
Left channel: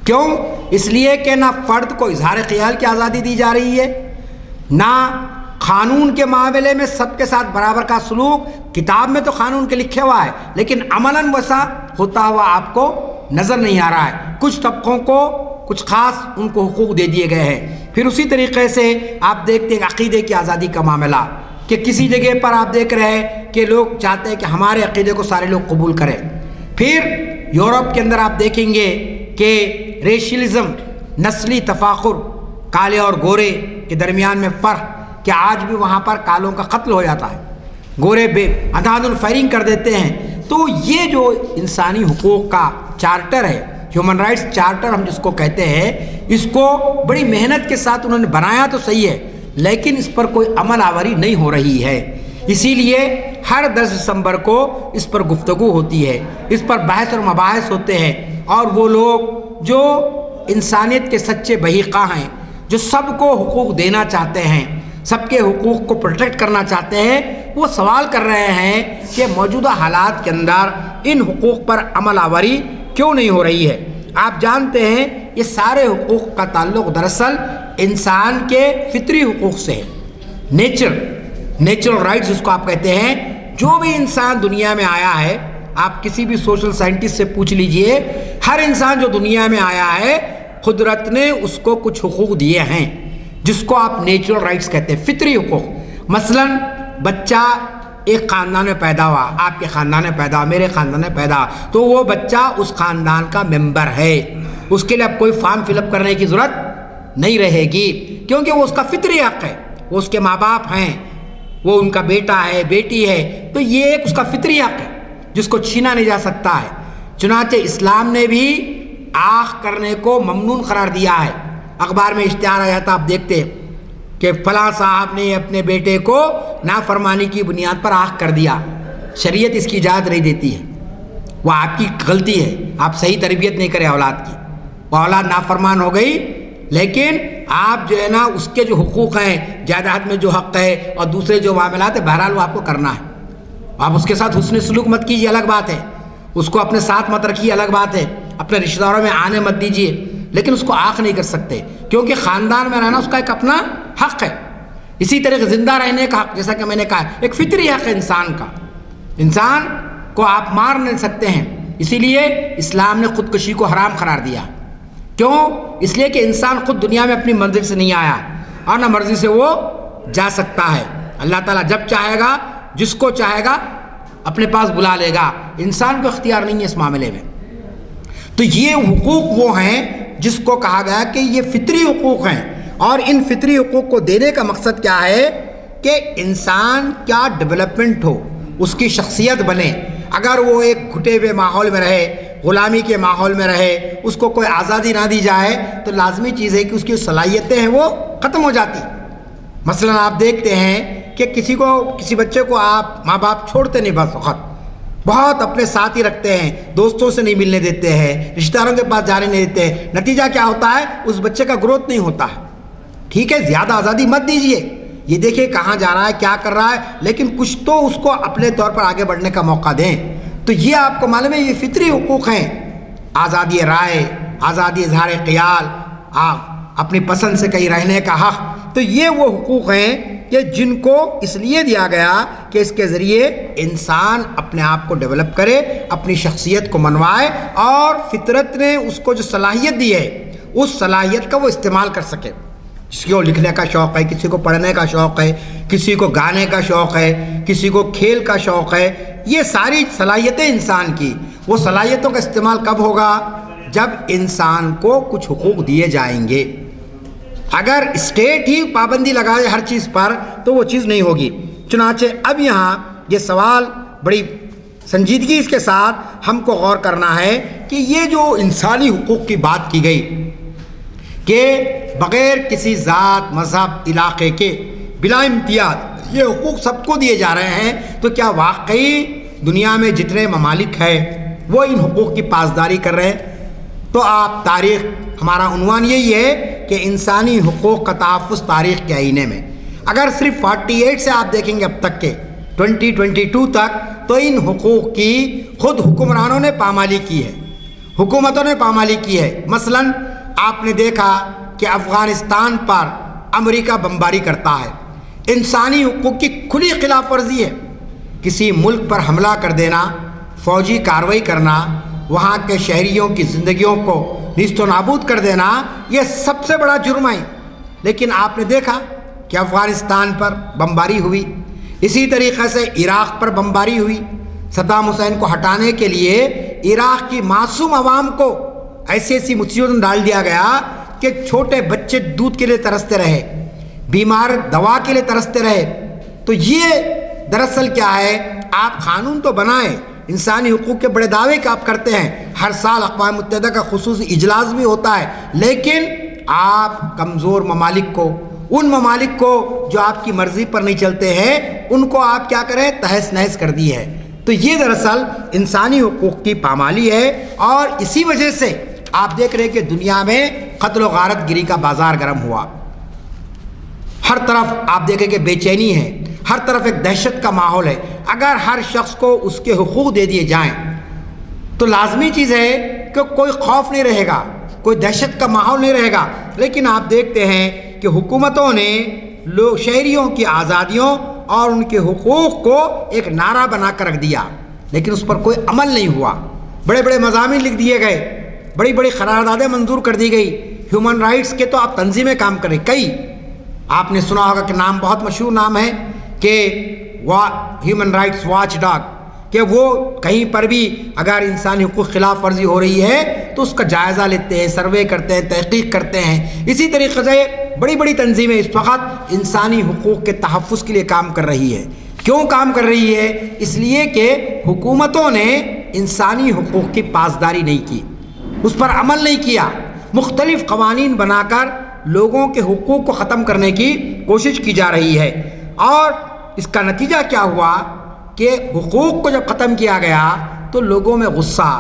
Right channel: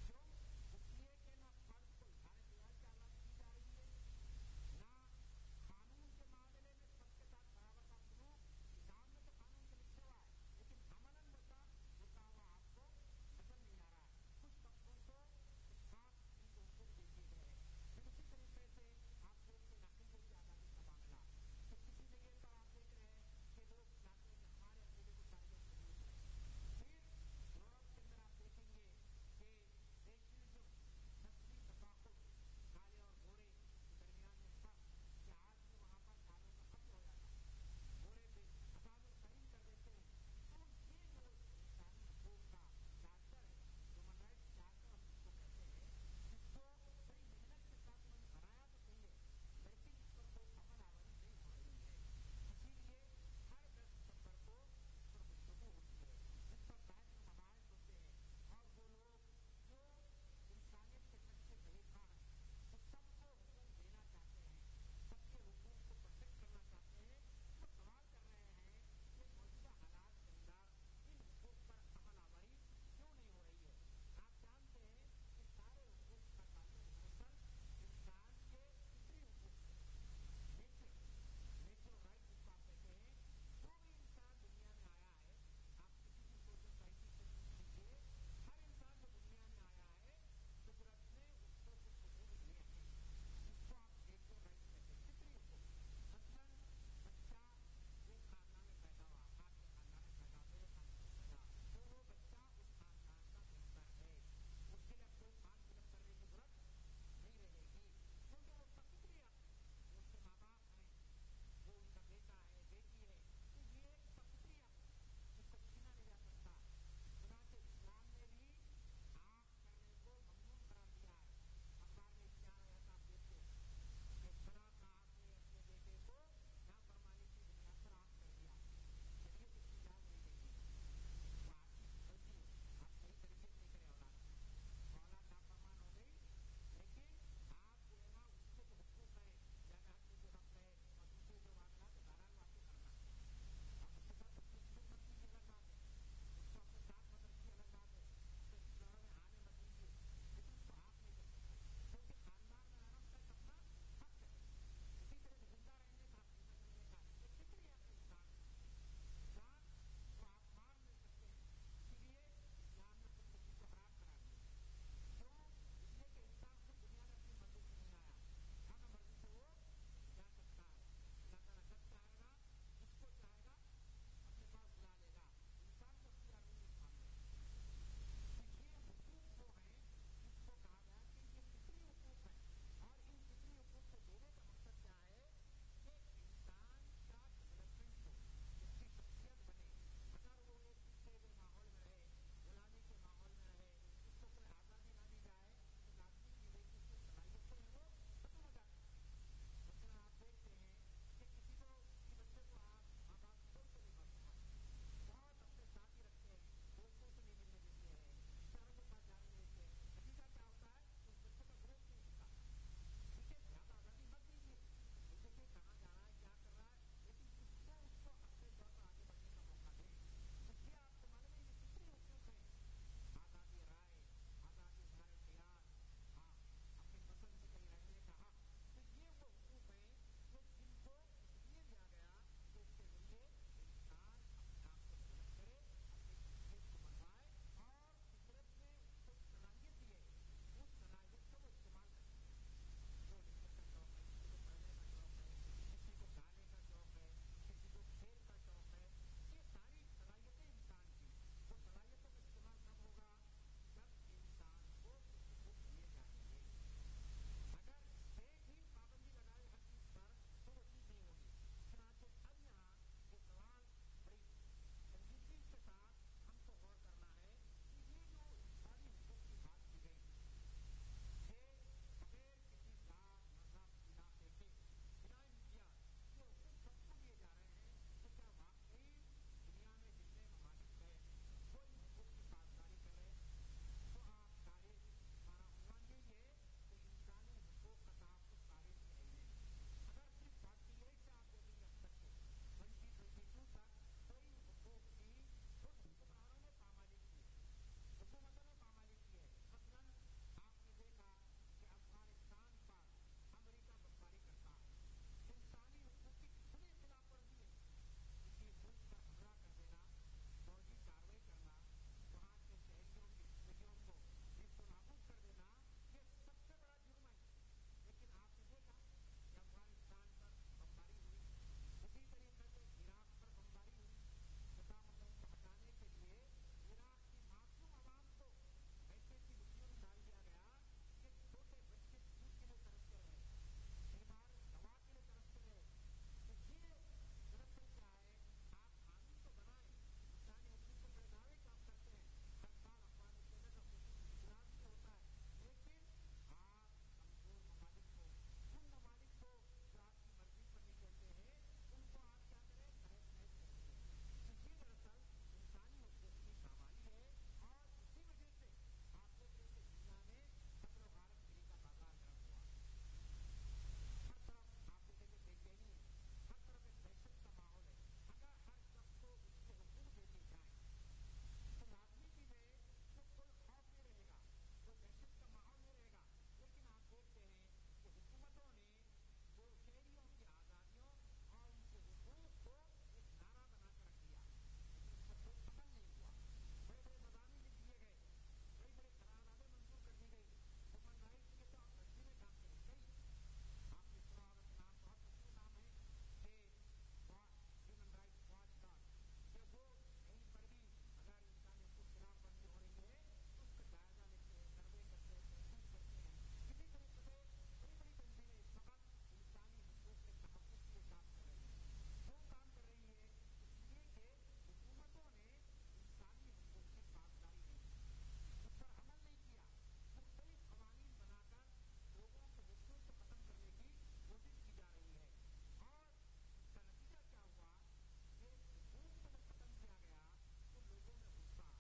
کیوں؟ اس لیے کہ نہ فرد کو اظہار خیال کی آزادی دی جا رہی ہے، نہ قانون کے معاملے میں سب کے ساتھ برابر کا سلوک۔ کتاب میں تو قانون کے لکھے ہوا ہے، لیکن عملاً ویسا ہوتا ہوا آپ کو نظر نہیں آ رہا ہے۔ کچھ طبقوں کو کچھ خاص ان کو حقوق دے دیے گئے ہیں۔ پھر اسی طریقے سے آپ دیکھتے ہیں عقیدے کی آزادی کا معاملہ، کہ کسی جگہ پر آپ دیکھ رہے ہیں کہ لوگ چاہتے ہیں کہ ہمارے عقیدے کو سارے لوگ قبول کریں۔ پھر یورپ کے اندر آپ دیکھیں گے کہ ریشلزم، نسلی تفاخر، کالے اور گورے کے درمیان میں فرق، کہ آج بھی وہاں پر کالوں کا قتل ہو جاتا ہے، گورے بے اندھادھند فائرنگ کر دیتے ہیں۔ تو یہ جو انسانی حقوق کا چارٹر ہے، ہیومن رائٹس چارٹر ہم جس کو کہتے ہیں، اس کو بڑی محنت کے ساتھ انہوں نے بنایا تو صحیح ہے، لیکن اس پر کوئی عمل آوری نہیں ہو رہی ہے۔ اسی لیے ہر 10 دسمبر کو اس پر گفتگو ہوتی ہے، اس پر بحث اور مباحث ہوتے ہیں، اور وہ لوگ جو انسانیت کے سچے بحقہ ہیں، جو سب کو حقوق دینا چاہتے ہیں، سب کے حقوق کو پروٹیکٹ کرنا چاہتے ہیں، وہ سوال کر رہے ہیں کہ موجودہ حالات کے اندر ان حقوق پر عمل آوری کیوں نہیں ہو رہی ہے۔ آپ جانتے ہیں یہ سارے حقوق کا تعلق دراصل انسان کے فطری حقوق سے ہے، نیچرل رائٹس جس کو آپ کہتے ہیں۔ جو بھی انسان دنیا میں آیا ہے، آپ کسی بھی سوشل سائنٹسٹ سے پوچھ لیجئے، ہر انسان جو دنیا میں آیا ہے قدرت نے اس کو کچھ حقوق دیے ہیں، جس کو آپ نیچرل رائٹس کہتے ہیں، فطری حقوق۔ مثلا بچہ ایک خاندان میں پیدا ہوا، آپ کے خاندان میں پیدا ہوا، میرے خاندان میں پیدا ہوا، تو وہ بچہ اس خاندان کا ممبر ہے، اس کے لیے اب کوئی فارم فل اپ کرنے کی ضرورت نہیں رہے گی، کیونکہ وہ اس کا فطری حق ہے، وہ اس کے ماں باپ ہیں، وہ ان کا بیٹا ہے، بیٹی ہے، تو یہ ایک اس کا فطری حق ہے جس کو چھینا نہیں جا سکتا ہے۔ چنانچہ اسلام نے بھی آخ کرنے کو ممنون قرار دیا ہے۔ اخبار میں اشتہار آیا تھا، آپ دیکھتے ہیں کہ فلاں صاحب نے اپنے بیٹے کو نافرمانی کی بنیاد پر آخ کر دیا، شریعت اس کی اجازت نہیں دیتی ہے، وہ آپ کی غلطی ہے، آپ صحیح تربیت نہیں کرے اولاد کی، وہ اولاد نافرمان ہو گئی، لیکن آپ جو ہے نا اس کے جو حقوق ہیں، جائیداد میں جو حق ہے اور دوسرے جو معاملات ہیں، بہرحال وہ آپ کو کرنا ہے۔ آپ اس کے ساتھ حسن سلوک مت کیجیے، الگ بات ہے، اس کو اپنے ساتھ مت رکھیے، الگ بات ہے، اپنے رشتہ داروں میں آنے مت دیجیے، لیکن اس کو آنکھ نہیں کر سکتے، کیونکہ خاندان میں رہنا اس کا ایک اپنا حق ہے۔ اسی طرح زندہ رہنے کا حق، جیسا کہ میں نے کہا، ایک فطری حق ہے انسان کا، انسان کو آپ مار نہیں سکتے ہیں۔ اسی لیے اسلام نے خودکشی کو حرام قرار دیا۔ کیوں؟ اس لیے کہ انسان خود دنیا میں اپنی منزل سے نہیں آیا، اور نہ مرضی سے وہ جا سکتا ہے۔ اللہ تعالیٰ جب چاہے گا، جس کو چاہے گا اپنے پاس بلا لے گا، انسان کو اختیار نہیں ہے اس معاملے میں۔ تو یہ حقوق وہ ہیں جس کو کہا گیا کہ یہ فطری حقوق ہیں، اور ان فطری حقوق کو دینے کا مقصد کیا ہے کہ انسان کیا ڈیولپمنٹ ہو، اس کی شخصیت بنے۔ اگر وہ ایک گھٹے ہوئے ماحول میں رہے، غلامی کے ماحول میں رہے، اس کو کوئی آزادی نہ دی جائے، تو لازمی چیز ہے کہ اس کی صلاحیتیں ہیں وہ ختم ہو جاتی۔ مثلا آپ دیکھتے ہیں کہ کسی بچے کو آپ ماں باپ چھوڑتے نہیں، بس وقت بہت اپنے ساتھ ہی رکھتے ہیں، دوستوں سے نہیں ملنے دیتے ہیں، رشتہ داروں کے پاس جانے نہیں دیتے ہیں، نتیجہ کیا ہوتا ہے؟ اس بچے کا گروتھ نہیں ہوتا ہے۔ ٹھیک ہے، زیادہ آزادی مت دیجیے، یہ دیکھیں کہاں جا رہا ہے، کیا کر رہا ہے، لیکن کچھ تو اس کو اپنے طور پر آگے بڑھنے کا موقع دیں۔ تو یہ آپ کو معلوم ہے یہ فطری حقوق ہیں، آزادی رائے، آزادی اظہار خیال، اپنی پسند سے کہیں رہنے کا حق، تو یہ وہ حقوق ہیں کہ جن کو اس لیے دیا گیا کہ اس کے ذریعے انسان اپنے آپ کو ڈیولپ کرے، اپنی شخصیت کو منوائے، اور فطرت نے اس کو جو صلاحیت دی ہے اس صلاحیت کا وہ استعمال کر سکے۔ کسی کو لکھنے کا شوق ہے، کسی کو پڑھنے کا شوق ہے، کسی کو گانے کا شوق ہے، کسی کو کھیل کا شوق ہے، یہ ساری صلاحیتیں انسان کی، وہ صلاحیتوں کا استعمال کب ہوگا؟ جب انسان کو کچھ حقوق دیے جائیں گے۔ اگر اسٹیٹ ہی پابندی لگائے ہر چیز پر تو وہ چیز نہیں ہوگی۔ چنانچہ اب یہاں یہ سوال بڑی سنجیدگی اس کے ساتھ ہم کو غور کرنا ہے کہ یہ جو انسانی حقوق کی بات کی گئی کہ بغیر کسی ذات، مذہب، علاقے کے بلا امتیاز یہ حقوق سب کو دیے جا رہے ہیں، تو کیا واقعی دنیا میں جتنے ممالک ہیں وہ ان حقوق کی پاسداری کر رہے ہیں؟ تو آپ تاریخ، ہمارا عنوان یہی ہے کہ انسانی حقوق کا تحفظ تاریخ کے آئینے میں۔ اگر صرف 48 سے آپ دیکھیں گے اب تک کے 2022 تک، تو ان حقوق کی خود حکمرانوں نے پامالی کی ہے، حکومتوں نے پامالی کی ہے۔ مثلاً آپ نے دیکھا کہ افغانستان پر امریکہ بمباری کرتا ہے، انسانی حقوق کی کھلی خلاف ورزی ہے۔ کسی ملک پر حملہ کر دینا، فوجی کارروائی کرنا، وہاں کے شہریوں کی زندگیوں کو نیست و نابود کر دینا، یہ سب سے بڑا جرم ہے۔ لیکن آپ نے دیکھا کہ افغانستان پر بمباری ہوئی، اسی طریقے سے عراق پر بمباری ہوئی۔ صدام حسین کو ہٹانے کے لیے عراق کی معصوم عوام کو ایسی مصیبت میں ڈال دیا گیا کہ چھوٹے بچے دودھ کے لیے ترستے رہے، بیمار دوا کے لیے ترستے رہے۔ تو یہ دراصل کیا ہے؟ آپ قانون تو بنائیں، انسانی حقوق کے بڑے دعوے کہ آپ کرتے ہیں، ہر سال اقوام متحدہ کا خصوصی اجلاس بھی ہوتا ہے، لیکن آپ کمزور ممالک کو، ان ممالک کو جو آپ کی مرضی پر نہیں چلتے ہیں، ان کو آپ کیا کریں؟ تہس نہس کر دی ہے۔ تو یہ دراصل انسانی حقوق کی پامالی ہے، اور اسی وجہ سے آپ دیکھ رہے ہیں کہ دنیا میں قتل و غارت گری کا بازار گرم ہوا۔ ہر طرف آپ دیکھیں کہ بے چینی ہے، ہر طرف ایک دہشت کا ماحول ہے۔ اگر ہر شخص کو اس کے حقوق دے دیے جائیں تو لازمی چیز ہے کہ کوئی خوف نہیں رہے گا، کوئی دہشت کا ماحول نہیں رہے گا۔ لیکن آپ دیکھتے ہیں کہ حکومتوں نے شہریوں کی آزادیوں اور ان کے حقوق کو ایک نعرہ بنا کر رکھ دیا، لیکن اس پر کوئی عمل نہیں ہوا۔ بڑے بڑے مضامین لکھ دیے گئے، بڑی بڑی قراردادیں منظور کر دی گئی، ہیومن رائٹس کے تو آپ تنظیمیں کام کریں۔ کئی آپ نے سنا ہوگا کہ نام بہت مشہور نام ہے کہ ہیومن رائٹس واچ ڈاگ، کہ وہ کہیں پر بھی اگر انسانی حقوق خلاف ورزی ہو رہی ہے تو اس کا جائزہ لیتے ہیں، سروے کرتے ہیں، تحقیق کرتے ہیں۔ اسی طریقے سے بڑی بڑی تنظیمیں اس وقت انسانی حقوق کے تحفظ کے لیے کام کر رہی ہے۔ کیوں کام کر رہی ہے؟ اس لیے کہ حکومتوں نے انسانی حقوق کی پاسداری نہیں کی، اس پر عمل نہیں کیا، مختلف قوانین بنا کر لوگوں کے حقوق کو ختم کرنے کی کوشش کی جا رہی ہے۔ اور اس کا نتیجہ کیا ہوا کہ حقوق کو جب ختم کیا گیا تو لوگوں میں غصہ،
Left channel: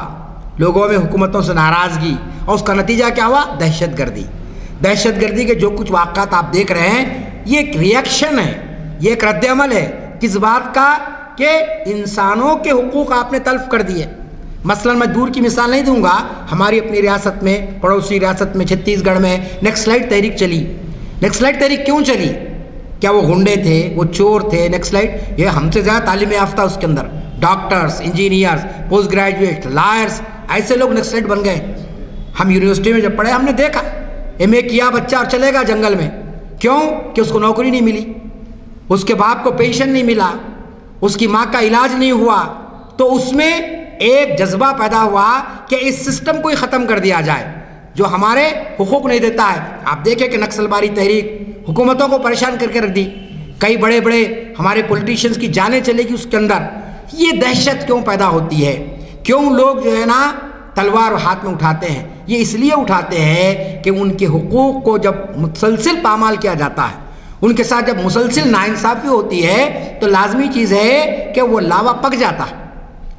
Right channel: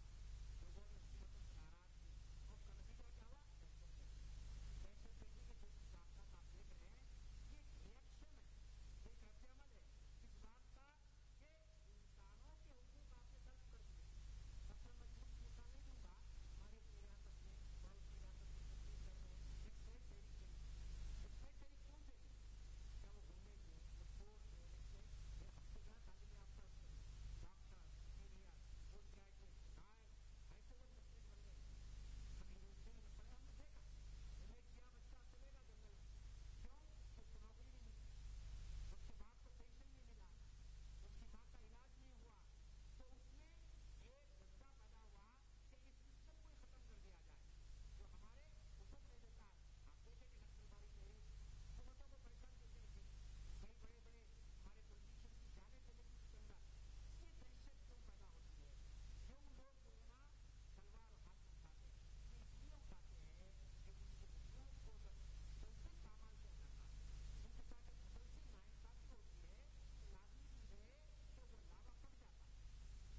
لوگوں میں حکومتوں سے ناراضگی، اور اس کا نتیجہ کیا ہوا؟ دہشت گردی۔ دہشت گردی کے جو کچھ واقعات آپ دیکھ رہے ہیں، یہ ایک ریئیکشن ہے، یہ ایک رد عمل ہے کس بات کا؟ کہ انسانوں کے حقوق آپ نے تلف کر دیے۔ مثلا میں دور کی مثال نہیں دوں گا، ہماری اپنی ریاست میں، پڑوسی ریاست میں چھتیس گڑھ میں نکسلائٹ تحریک چلی۔ نکسلائٹ تحریک کیوں چلی؟ کیا وہ غنڈے تھے، وہ چور تھے؟ نکسلائٹ یہ ہم سے زیادہ تعلیم یافتہ اس کے اندر doctors, engineers, post graduate, lawyers, ایسے لوگ نکسلائٹ بن گئے۔ ہم یونیورسٹی میں جب پڑھے ہم نے دیکھا ایم اے کیا بچہ اور چلے گا جنگل میں، کیوں کہ اس کو نوکری نہیں ملی، اس کے باپ کو پینشن نہیں ملا، اس کی ماں کا علاج نہیں ہوا، تو اس میں ایک جذبہ پیدا ہوا کہ اس سسٹم کو ہی ختم کر دیا جائے جو ہمارے حقوق نہیں دیتا ہے۔ آپ دیکھیں کہ نکسل باری تحریک حکومتوں کو پریشان کر کے رکھ دی، کئی بڑے بڑے ہمارے پولیٹیشینز کی جانیں چلے گی اس کے اندر۔ یہ دہشت کیوں پیدا ہوتی ہے؟ کیوں لوگ جو ہے نا تلوار ہاتھ میں اٹھاتے ہیں؟ یہ اس لیے اٹھاتے ہیں کہ ان کے حقوق کو جب مسلسل پامال کیا جاتا ہے، ان کے ساتھ جب مسلسل ناانصافی ہوتی ہے تو لازمی چیز ہے کہ وہ لاوا پک جاتا ہے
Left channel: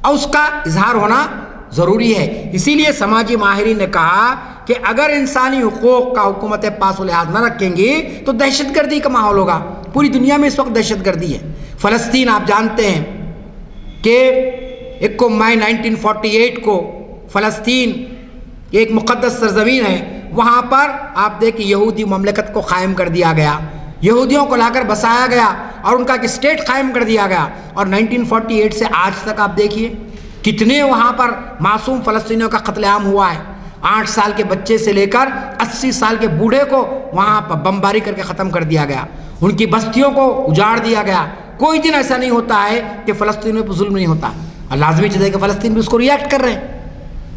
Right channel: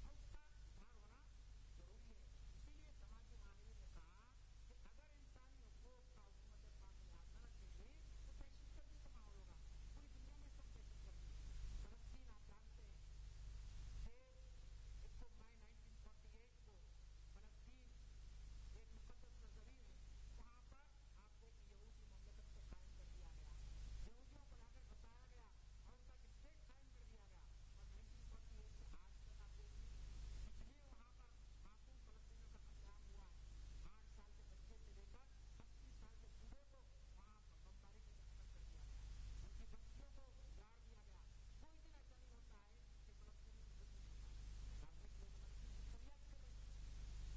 اور اس کا اظہار ہونا ضروری ہے۔ اسی لیے سماجی ماہرین نے کہا کہ اگر انسانی حقوق کا حکومتیں پاس و لحاظ نہ رکھیں گی تو دہشت گردی کا ماحول ہوگا۔ پوری دنیا میں اس وقت دہشت گردی ہے۔ فلسطین آپ جانتے ہیں کہ 1 مئی 1948 کو فلسطین ایک مقدس سرزمین ہے، وہاں پر آپ دیکھیں یہودی مملکت کو قائم کر دیا گیا، یہودیوں کو لا کر بسایا گیا اور ان کا ایک اسٹیٹ قائم کر دیا گیا۔ اور 1948 سے آج تک آپ دیکھیے کتنے وہاں پر معصوم فلسطینیوں کا قتل عام ہوا ہے۔ 8 سال کے بچے سے لے کر 80 سال کے بوڑھے کو وہاں پر بمباری کر کے ختم کر دیا گیا، ان کی بستیوں کو اجاڑ دیا گیا۔ کوئی دن ایسا نہیں ہوتا ہے کہ فلسطینیوں پہ ظلم نہیں ہوتا، اور لازمی چیز ہے کہ فلسطین بھی اس کو ریئیکٹ کر رہے ہیں۔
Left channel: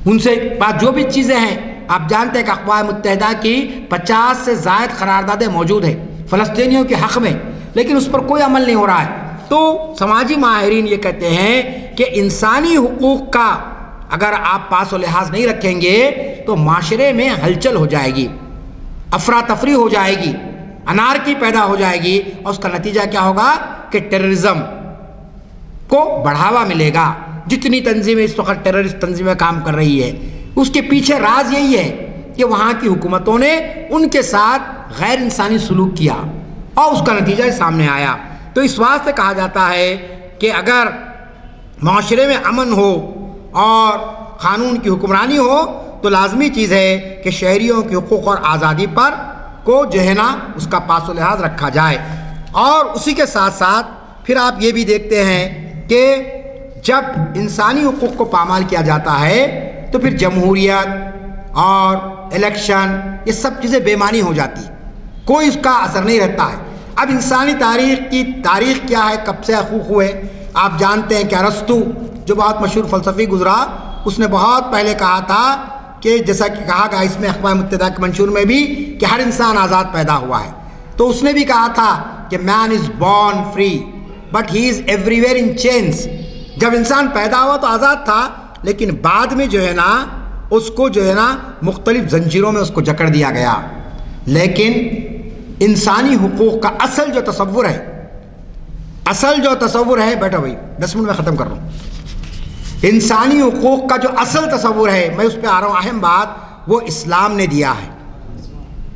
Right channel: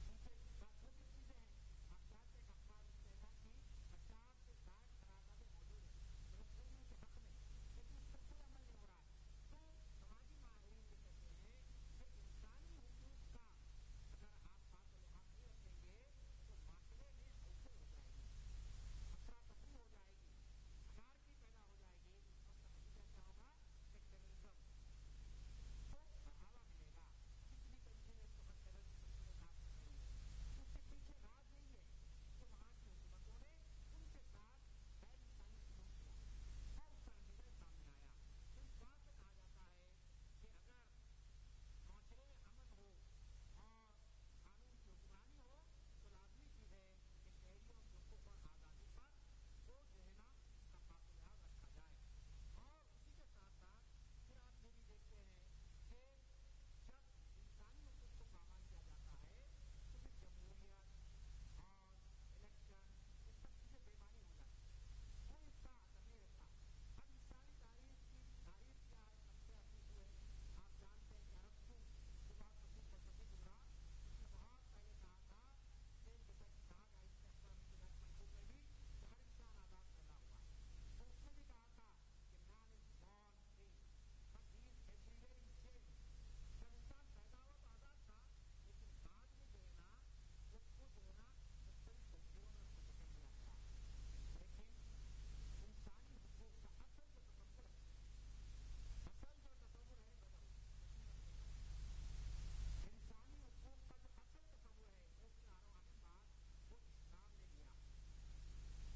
ان سے بات جو بھی چیزیں ہیں، آپ جانتے ہیں کہ اقوام متحدہ کی 50 سے زائد قراردادیں موجود ہیں فلسطینیوں کے حق میں، لیکن اس پر کوئی عمل نہیں ہو رہا ہے۔ تو سماجی ماہرین یہ کہتے ہیں کہ انسانی حقوق کا اگر آپ پاس و لحاظ نہیں رکھیں گے تو معاشرے میں ہلچل ہو جائے گی، افراتفری ہو جائے گی، انارکی پیدا ہو جائے گی، اور اس کا نتیجہ کیا ہوگا کہ ٹیررزم کو بڑھاوا ملے گا۔ جتنی تنظیمیں اس وقت ٹیررسٹ تنظیمیں کام کر رہی ہے، اس کے پیچھے راز یہی ہے کہ وہاں کی حکومتوں نے ان کے ساتھ غیر انسانی سلوک کیا اور اس کا نتیجہ سامنے آیا۔ تو اس واسطے کہا جاتا ہے کہ اگر معاشرے میں امن ہو اور قانون کی حکمرانی ہو تو لازمی چیز ہے کہ شہریوں کے حقوق اور آزادی پر کو جو ہے نا اس کا پاس و لحاظ رکھا جائے۔ اور اسی کے ساتھ ساتھ پھر آپ یہ بھی دیکھتے ہیں کہ جب انسانی حقوق کو پامال کیا جاتا ہے تو پھر جمہوریت اور الیکشن یہ سب چیزیں بے معنی ہو جاتی، کوئی اس کا اثر نہیں رہتا ہے۔ اب انسانی تاریخ کیا ہے، کب سے حقوق ہوئے؟ آپ جانتے ہیں کہ ارسطو جو بہت مشہور فلسفی گزرا، اس نے بہت پہلے کہا تھا کہ جیسا کہ کہا گیا اس میں اقوام متحدہ کے منشور میں بھی کہ ہر انسان آزاد پیدا ہوا ہے، تو اس نے بھی کہا تھا کہ man is born free but he is everywhere in chains. جب انسان پیدا ہوا تو آزاد تھا، لیکن بعد میں جو ہے نا اس کو جو ہے نا مختلف زنجیروں میں اس کو جکڑ دیا گیا۔ لیکن انسانی حقوق کا اصل جو تصور ہے بیٹا بھائی 10 منٹ میں ختم کر رہا ہوں، انسانی حقوق کا جو اصل تصور ہے، میں اس پہ آ رہا ہوں، اہم بات وہ اسلام نے دیا ہے۔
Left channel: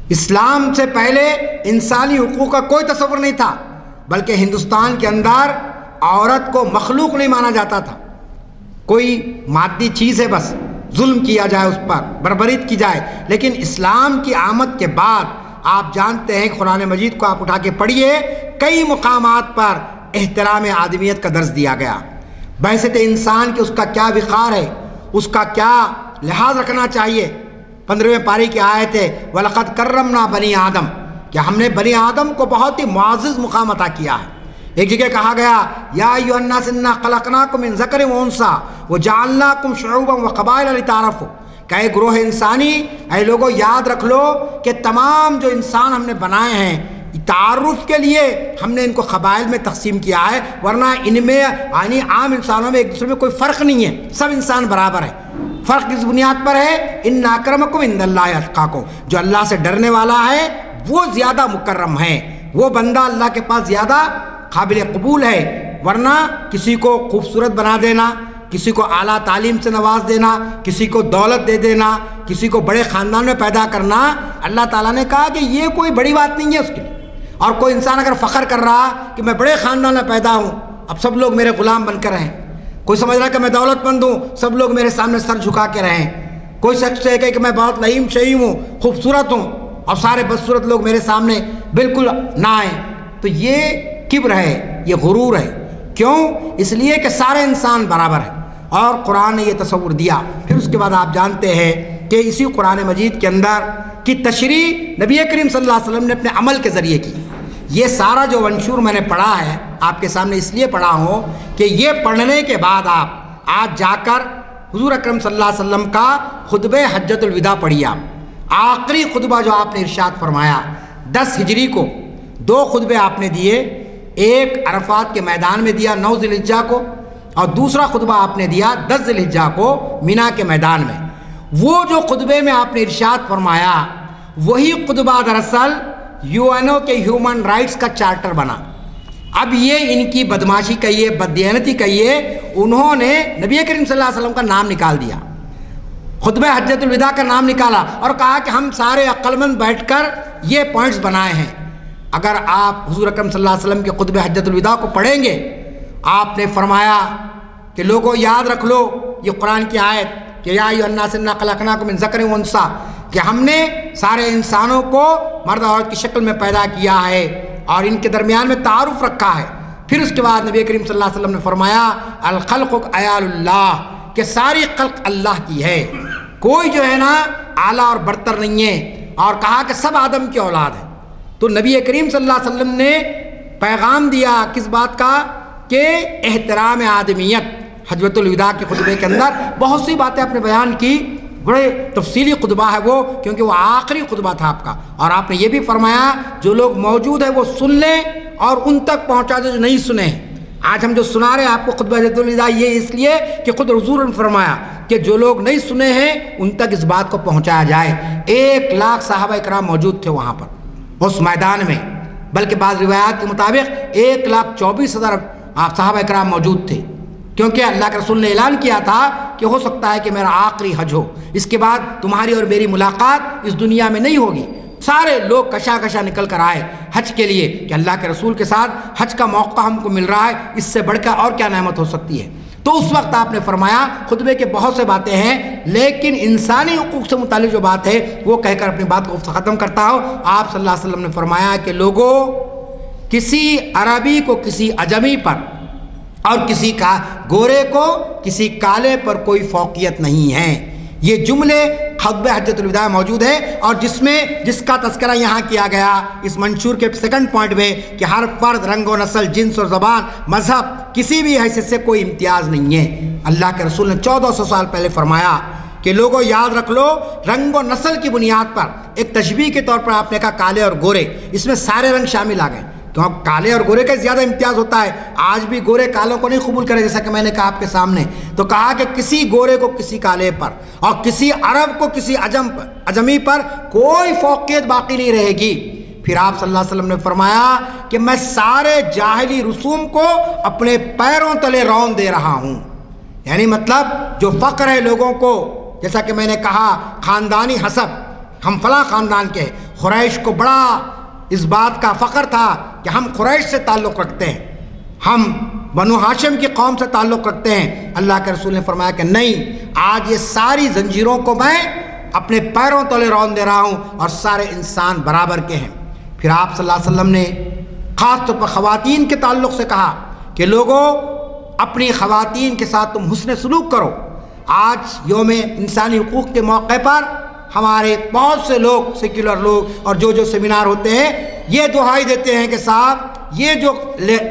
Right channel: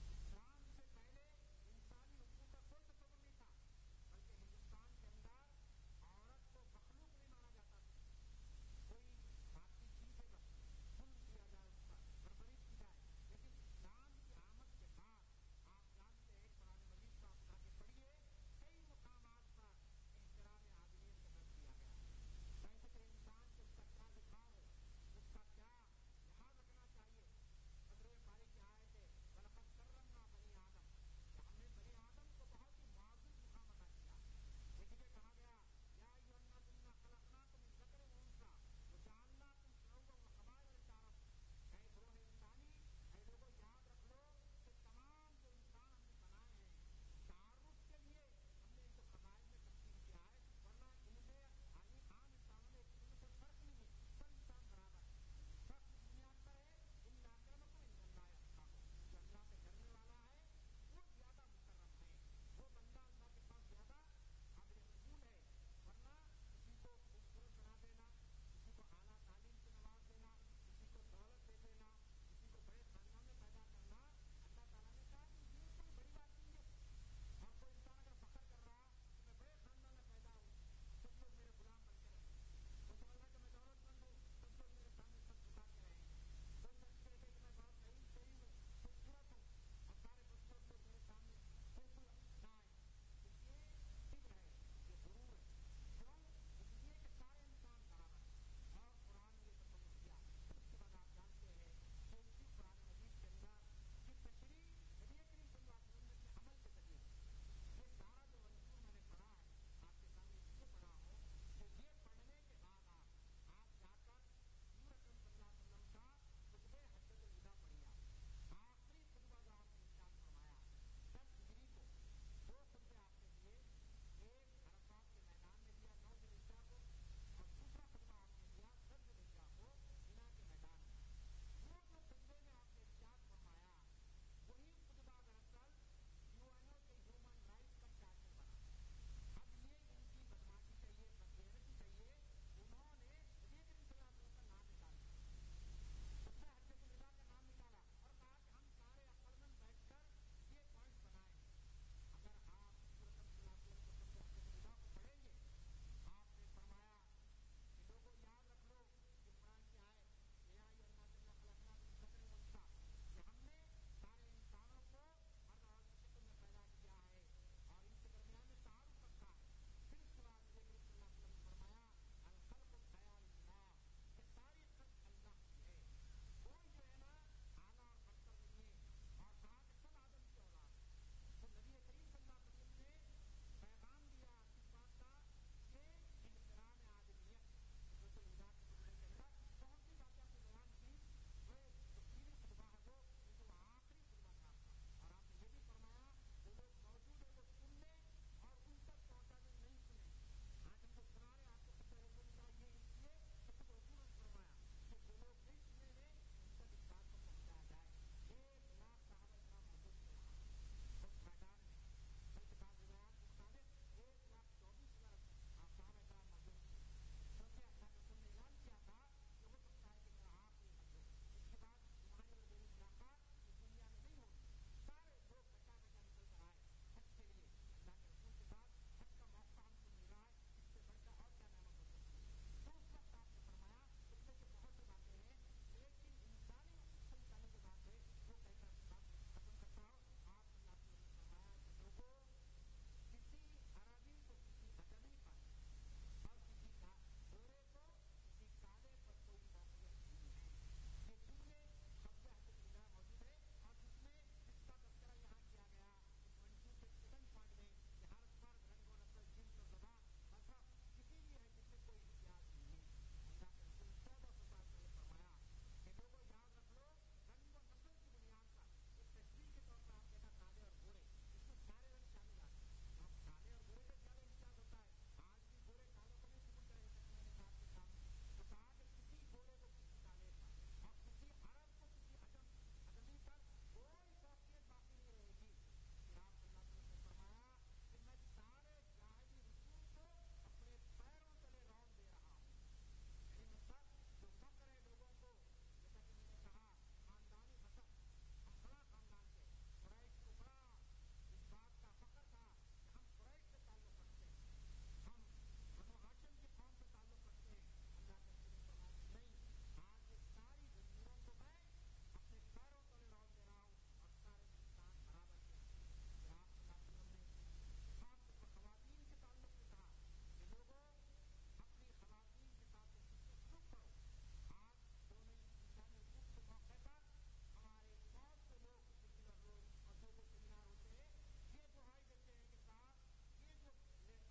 اسلام سے پہلے انسانی حقوق کا کوئی تصور نہیں تھا، بلکہ ہندوستان کے اندر عورت کو مخلوق نہیں مانا جاتا تھا، کوئی مادی چیز ہے، بس ظلم کیا جائے، اس پر بربریت کی جائے۔ لیکن اسلام کی آمد کے بعد آپ جانتے ہیں کہ قرآن مجید کو آپ اٹھا کے پڑھیے، کئی مقامات پر احترام آدمیت کا درس دیا گیا، بحثیت انسان کی اس کا کیا وقار ہے، اس کا کیا لحاظ رکھنا چاہیے۔ 15ویں پاری کی آیت ہے وَلَقَدْ كَرَّمْنَا بَنِي آدم، کہ ہم نے بنی آدم کو بہت ہی معزز مقام عطا کیا ہے۔ ایک جگہ کہا گیا یا ایھا الناس انا خلقناکم من ذکر و انثی وجعلناکم شعوبا وقبائل لتعارفوا، کہ اے گروہ انسانی، اے لوگوں یاد رکھ لو کہ تمام جو انسان ہم نے بنائے ہیں تعارف کے لیے ہم نے ان کو قبائل میں تقسیم کیا ہے، ورنہ ان میں یعنی عام انسانوں میں ایک دوسرے میں کوئی فرق نہیں ہے، سب انسان برابر ہے۔ فرق کس بنیاد پر ہے؟ ان اکرمکم عند اللہ اتقاکم، جو اللہ سے ڈرنے والا ہے وہ زیادہ مکرم ہے، وہ بندہ اللہ کے پاس زیادہ قابل قبول ہے۔ ورنہ کسی کو خوبصورت بنا دینا، کسی کو اعلیٰ تعلیم سے نواز دینا، کسی کو دولت دے دینا، کسی کو بڑے خاندان میں پیدا کرنا، اللہ تعالیٰ نے کہا کہ یہ کوئی بڑی بات نہیں ہے اس کے لیے۔ اور کوئی انسان اگر فخر کر رہا کہ میں بڑے خاندان میں پیدا ہوں، اب سب لوگ میرے غلام بن کر رہیں، کوئی سمجھ رہا کہ میں دولت مند ہوں، سب لوگ میرے سامنے سر جھکا کے رہیں، کوئی شخص کہے کہ میں بہت لئیم شہیم ہوں، خوبصورت ہوں، اور سارے بدصورت لوگ میرے سامنے بالکل نہ آئیں، تو یہ کبر ہے، یہ غرور ہے۔ کیوں؟ اس لیے کہ سارے انسان برابر ہیں، اور قرآن نے یہ تصور دیا۔ پھر اس کے بعد آپ جانتے ہیں کہ اسی قرآن مجید کے اندر کی تشریح نبی کریم صلی اللہ علیہ وسلم نے اپنے عمل کے ذریعے کی۔ یہ سارا جو منشور میں نے پڑھا ہے آپ کے سامنے اس لیے پڑھا ہوں کہ یہ پڑھنے کے بعد آپ آج جا کر حضور اکرم صلی اللہ علیہ وسلم کا خطبہ حجۃ الوداع پڑھیے۔ آپ آخری خطبہ جو آپ نے ارشاد فرمایا 10 ہجری کو 2 خطبے آپ نے دیے، ایک عرفات کے میدان میں دیا 9 ذی الحجہ کو، اور دوسرا خطبہ آپ نے دیا 10 ذی الحجہ کو مینا کے میدان میں۔ وہ جو خطبے میں آپ نے ارشاد فرمایا وہی خطبہ دراصل UN کے ہیومن رائٹس کا چارٹر بنا۔ اب یہ ان کی بدماشی کہیے، بددیانتی کہیے، انہوں نے نبی کریم صلی اللہ علیہ وسلم کا نام نکال دیا، خطبہ حجۃ الوداع کا نام نکالا، اور کہا کہ ہم سارے عقل مند بیٹھ کر یہ پوائنٹس بنائے ہیں۔ اگر آپ حضور اکرم صلی اللہ علیہ وسلم کے خطبہ حجۃ الوداع کو پڑھیں گے، آپ نے فرمایا کہ لوگوں یاد رکھ لو یہ قرآن کی آیت کہ یا ایھا الناس انا خلقناکم من ذکر و انثی، کہ ہم نے سارے انسانوں کو مرد اور عورت کی شکل میں پیدا کیا ہے اور ان کے درمیان میں تعارف رکھا ہے۔ پھر اس کے بعد نبی کریم صلی اللہ علیہ وسلم نے فرمایا الخلق عیال اللہ، کہ ساری خلق اللہ کی ہے، کوئی جو ہے نا اعلیٰ اور برتر نہیں ہے، اور کہا کہ سب آدم کی اولاد ہے۔ تو نبی کریم صلی اللہ علیہ وسلم نے پیغام دیا کس بات کا؟ کہ احترام آدمیت۔ حجۃ الوداع کے خطبے کے اندر بہت سی باتیں آپ نے بیان کی، بڑے تفصیلی خطبہ ہے وہ، کیونکہ وہ آخری خطبہ تھا آپ کا، اور آپ نے یہ بھی فرمایا جو لوگ موجود ہیں وہ سن لیں اور ان تک پہنچا دیں جو نہیں سنے۔ آج ہم جو سنا رہے ہیں آپ کو خطبہ حجۃ الوداع، یہ اس لیے کہ خود حضور نے فرمایا کہ جو لوگ نہیں سنے ہیں ان تک اس بات کو پہنچایا جائے۔ 1 لاکھ صحابہ کرام موجود تھے وہاں پر اس میدان میں، بلکہ بعض روایات کے مطابق 1,24,000 صحابہ کرام موجود تھے، کیونکہ اللہ کے رسول نے اعلان کیا تھا کہ ہو سکتا ہے کہ میرا آخری حج ہو، اس کے بعد تمہاری اور میری ملاقات اس دنیا میں نہیں ہوگی۔ سارے لوگ کشا کشا نکل کر آئے حج کے لیے کہ اللہ کے رسول کے ساتھ حج کا موقع ہم کو مل رہا ہے، اس سے بڑھ کر اور کیا نعمت ہو سکتی ہے۔ تو اس وقت آپ نے فرمایا، خطبے کے بہت سے باتیں ہیں لیکن انسانی حقوق سے متعلق جو بات ہے وہ کہہ کر اپنی بات کو ختم کرتا ہوں۔ آپ صلی اللہ علیہ وسلم نے فرمایا کہ لوگوں، کسی عربی کو کسی عجمی پر اور کسی کا گورے کو کسی کالے پر کوئی فوقیت نہیں ہے۔ یہ جملے خطبہ حجۃ الوداع موجود ہے، اور جس کا تذکرہ یہاں کیا گیا اس منشور کے 2 پوائنٹ میں کہ ہر فرد رنگ و نسل، جنس اور زبان، مذہب، کسی بھی حیثیت سے کوئی امتیاز نہیں ہے۔ اللہ کے رسول نے 1400 سال پہلے فرمایا کہ لوگوں یاد رکھ لو، رنگ و نسل کی بنیاد پر ایک تشبیہ کے طور پر آپ نے کہا کالے اور گورے، اس میں سارے رنگ شامل آ گئے، تو اب کالے اور گورے کا زیادہ امتیاز ہوتا ہے۔ آج بھی گورے کالوں کو نہیں قبول کرے، جیسا کہ میں نے کہا آپ کے سامنے، تو کہا کہ کسی گورے کو کسی کالے پر اور کسی عرب کو کسی عجمی پر کوئی فوقیت باقی نہیں رہے گی۔ پھر آپ صلی اللہ علیہ وسلم نے فرمایا کہ میں سارے جاہلی رسوم کو اپنے پیروں تلے رون دے رہا ہوں، یعنی مطلب جو فقر ہے لوگوں کو، جیسا کہ میں نے کہا خاندانی حسب، ہم فلاں خاندان کے، قریش کو بڑا اس بات کا فخر تھا کہ ہم قریش سے تعلق رکھتے ہیں، ہم بنو ہاشم کی قوم سے تعلق رکھتے ہیں۔ اللہ کے رسول نے فرمایا کہ نہیں، آج یہ ساری زنجیروں کو میں اپنے پیروں تلے رون دے رہا ہوں، اور سارے انسان برابر کے ہیں۔ پھر آپ صلی اللہ علیہ وسلم نے خاص طور پر خواتین کے تعلق سے کہا کہ لوگوں، اپنی خواتین کے ساتھ تم حسن سلوک کرو۔ آج یوم انسانی حقوق کے موقع پر ہمارے بہت سے لوگ، سیکولر لوگ، اور جو سیمینار ہوتے ہیں، یہ دہائی دیتے ہیں کہ صاحب یہ جو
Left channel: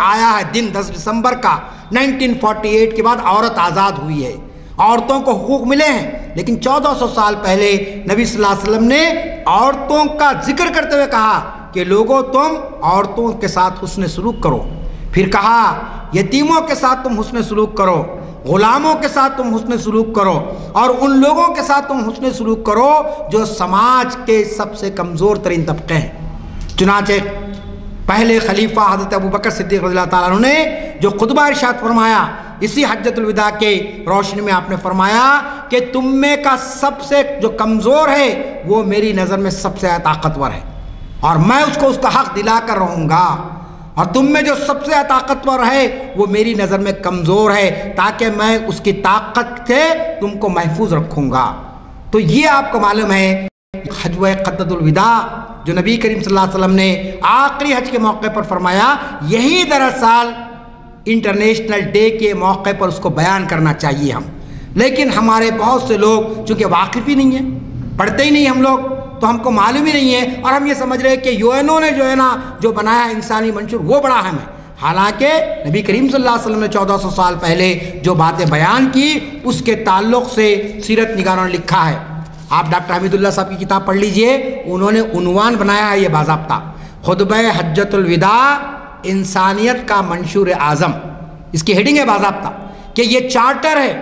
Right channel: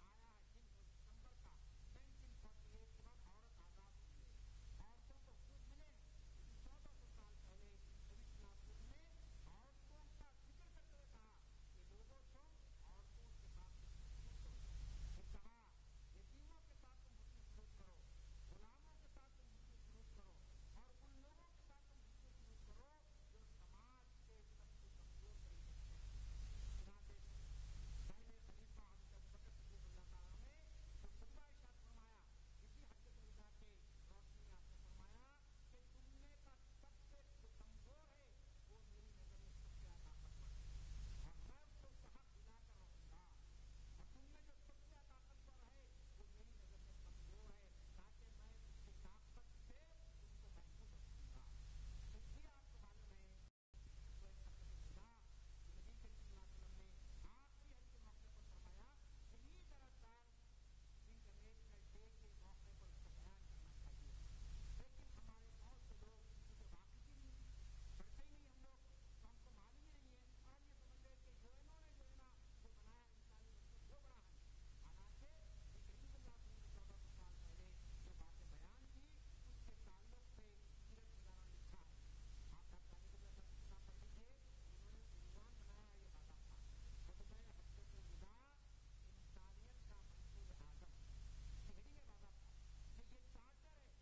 آیا ہے دن 10 دسمبر کا 1948 کے بعد عورت آزاد ہوئی ہے، عورتوں کو حقوق ملے ہیں، لیکن 1400 سال پہلے نبی صلی اللہ علیہ وسلم نے عورتوں کا ذکر کرتے ہوئے کہا کہ لوگوں تم عورتوں کے ساتھ حسن سلوک کرو۔ پھر کہا یتیموں کے ساتھ تم حسن سلوک کرو، غلاموں کے ساتھ تم حسن سلوک کرو، اور ان لوگوں کے ساتھ تم حسن سلوک کرو جو سماج کے سب سے کمزور ترین طبقے ہیں۔ چنانچہ پہلے خلیفہ حضرت ابوبکر صدیق رضی اللہ تعالیٰ عنہ نے جو خطبہ ارشاد فرمایا اسی حجۃ الوداع کے روشنی میں آپ نے فرمایا کہ تم میں کا سب سے جو کمزور ہے وہ میری نظر میں سب سے طاقتور ہے، اور میں اس کو اس کا حق دلا کر رہوں گا، اور تم میں جو سب سے طاقتور ہے وہ میری نظر میں کمزور ہے، تاکہ میں اس کی طاقت سے تم کو محفوظ رکھوں گا۔ تو یہ آپ کو معلوم ہے حجۃ الوداع جو نبی کریم صلی اللہ علیہ وسلم نے آخری حج کے موقع پر فرمایا، یہی دراصل انٹرنیشنل ڈے کے موقع پر اس کو بیان کرنا چاہیے ہم، لیکن ہمارے بہت سے لوگ چونکہ واقف ہی نہیں ہیں، پڑھتے ہی نہیں ہم لوگ، تو ہم کو معلوم ہی نہیں ہے، اور ہم یہ سمجھ رہے ہیں کہ UN نے جو ہے نا جو بنایا انسانی منشور وہ بڑا اہم ہے، حالانکہ نبی کریم صلی اللہ علیہ وسلم نے 1400 سال پہلے جو باتیں بیان کی اس کے تعلق سے سیرت نگاروں نے لکھا ہے۔ آپ ڈاکٹر حمید اللہ صاحب کی کتاب پڑھ لیجئے، انہوں نے عنوان بنایا ہے یہ باضابطہ، خطبہ حجۃ الوداع انسانیت کا منشور اعظم، اس کی ہیڈنگ ہے باضابطہ کہ یہ چارٹر ہے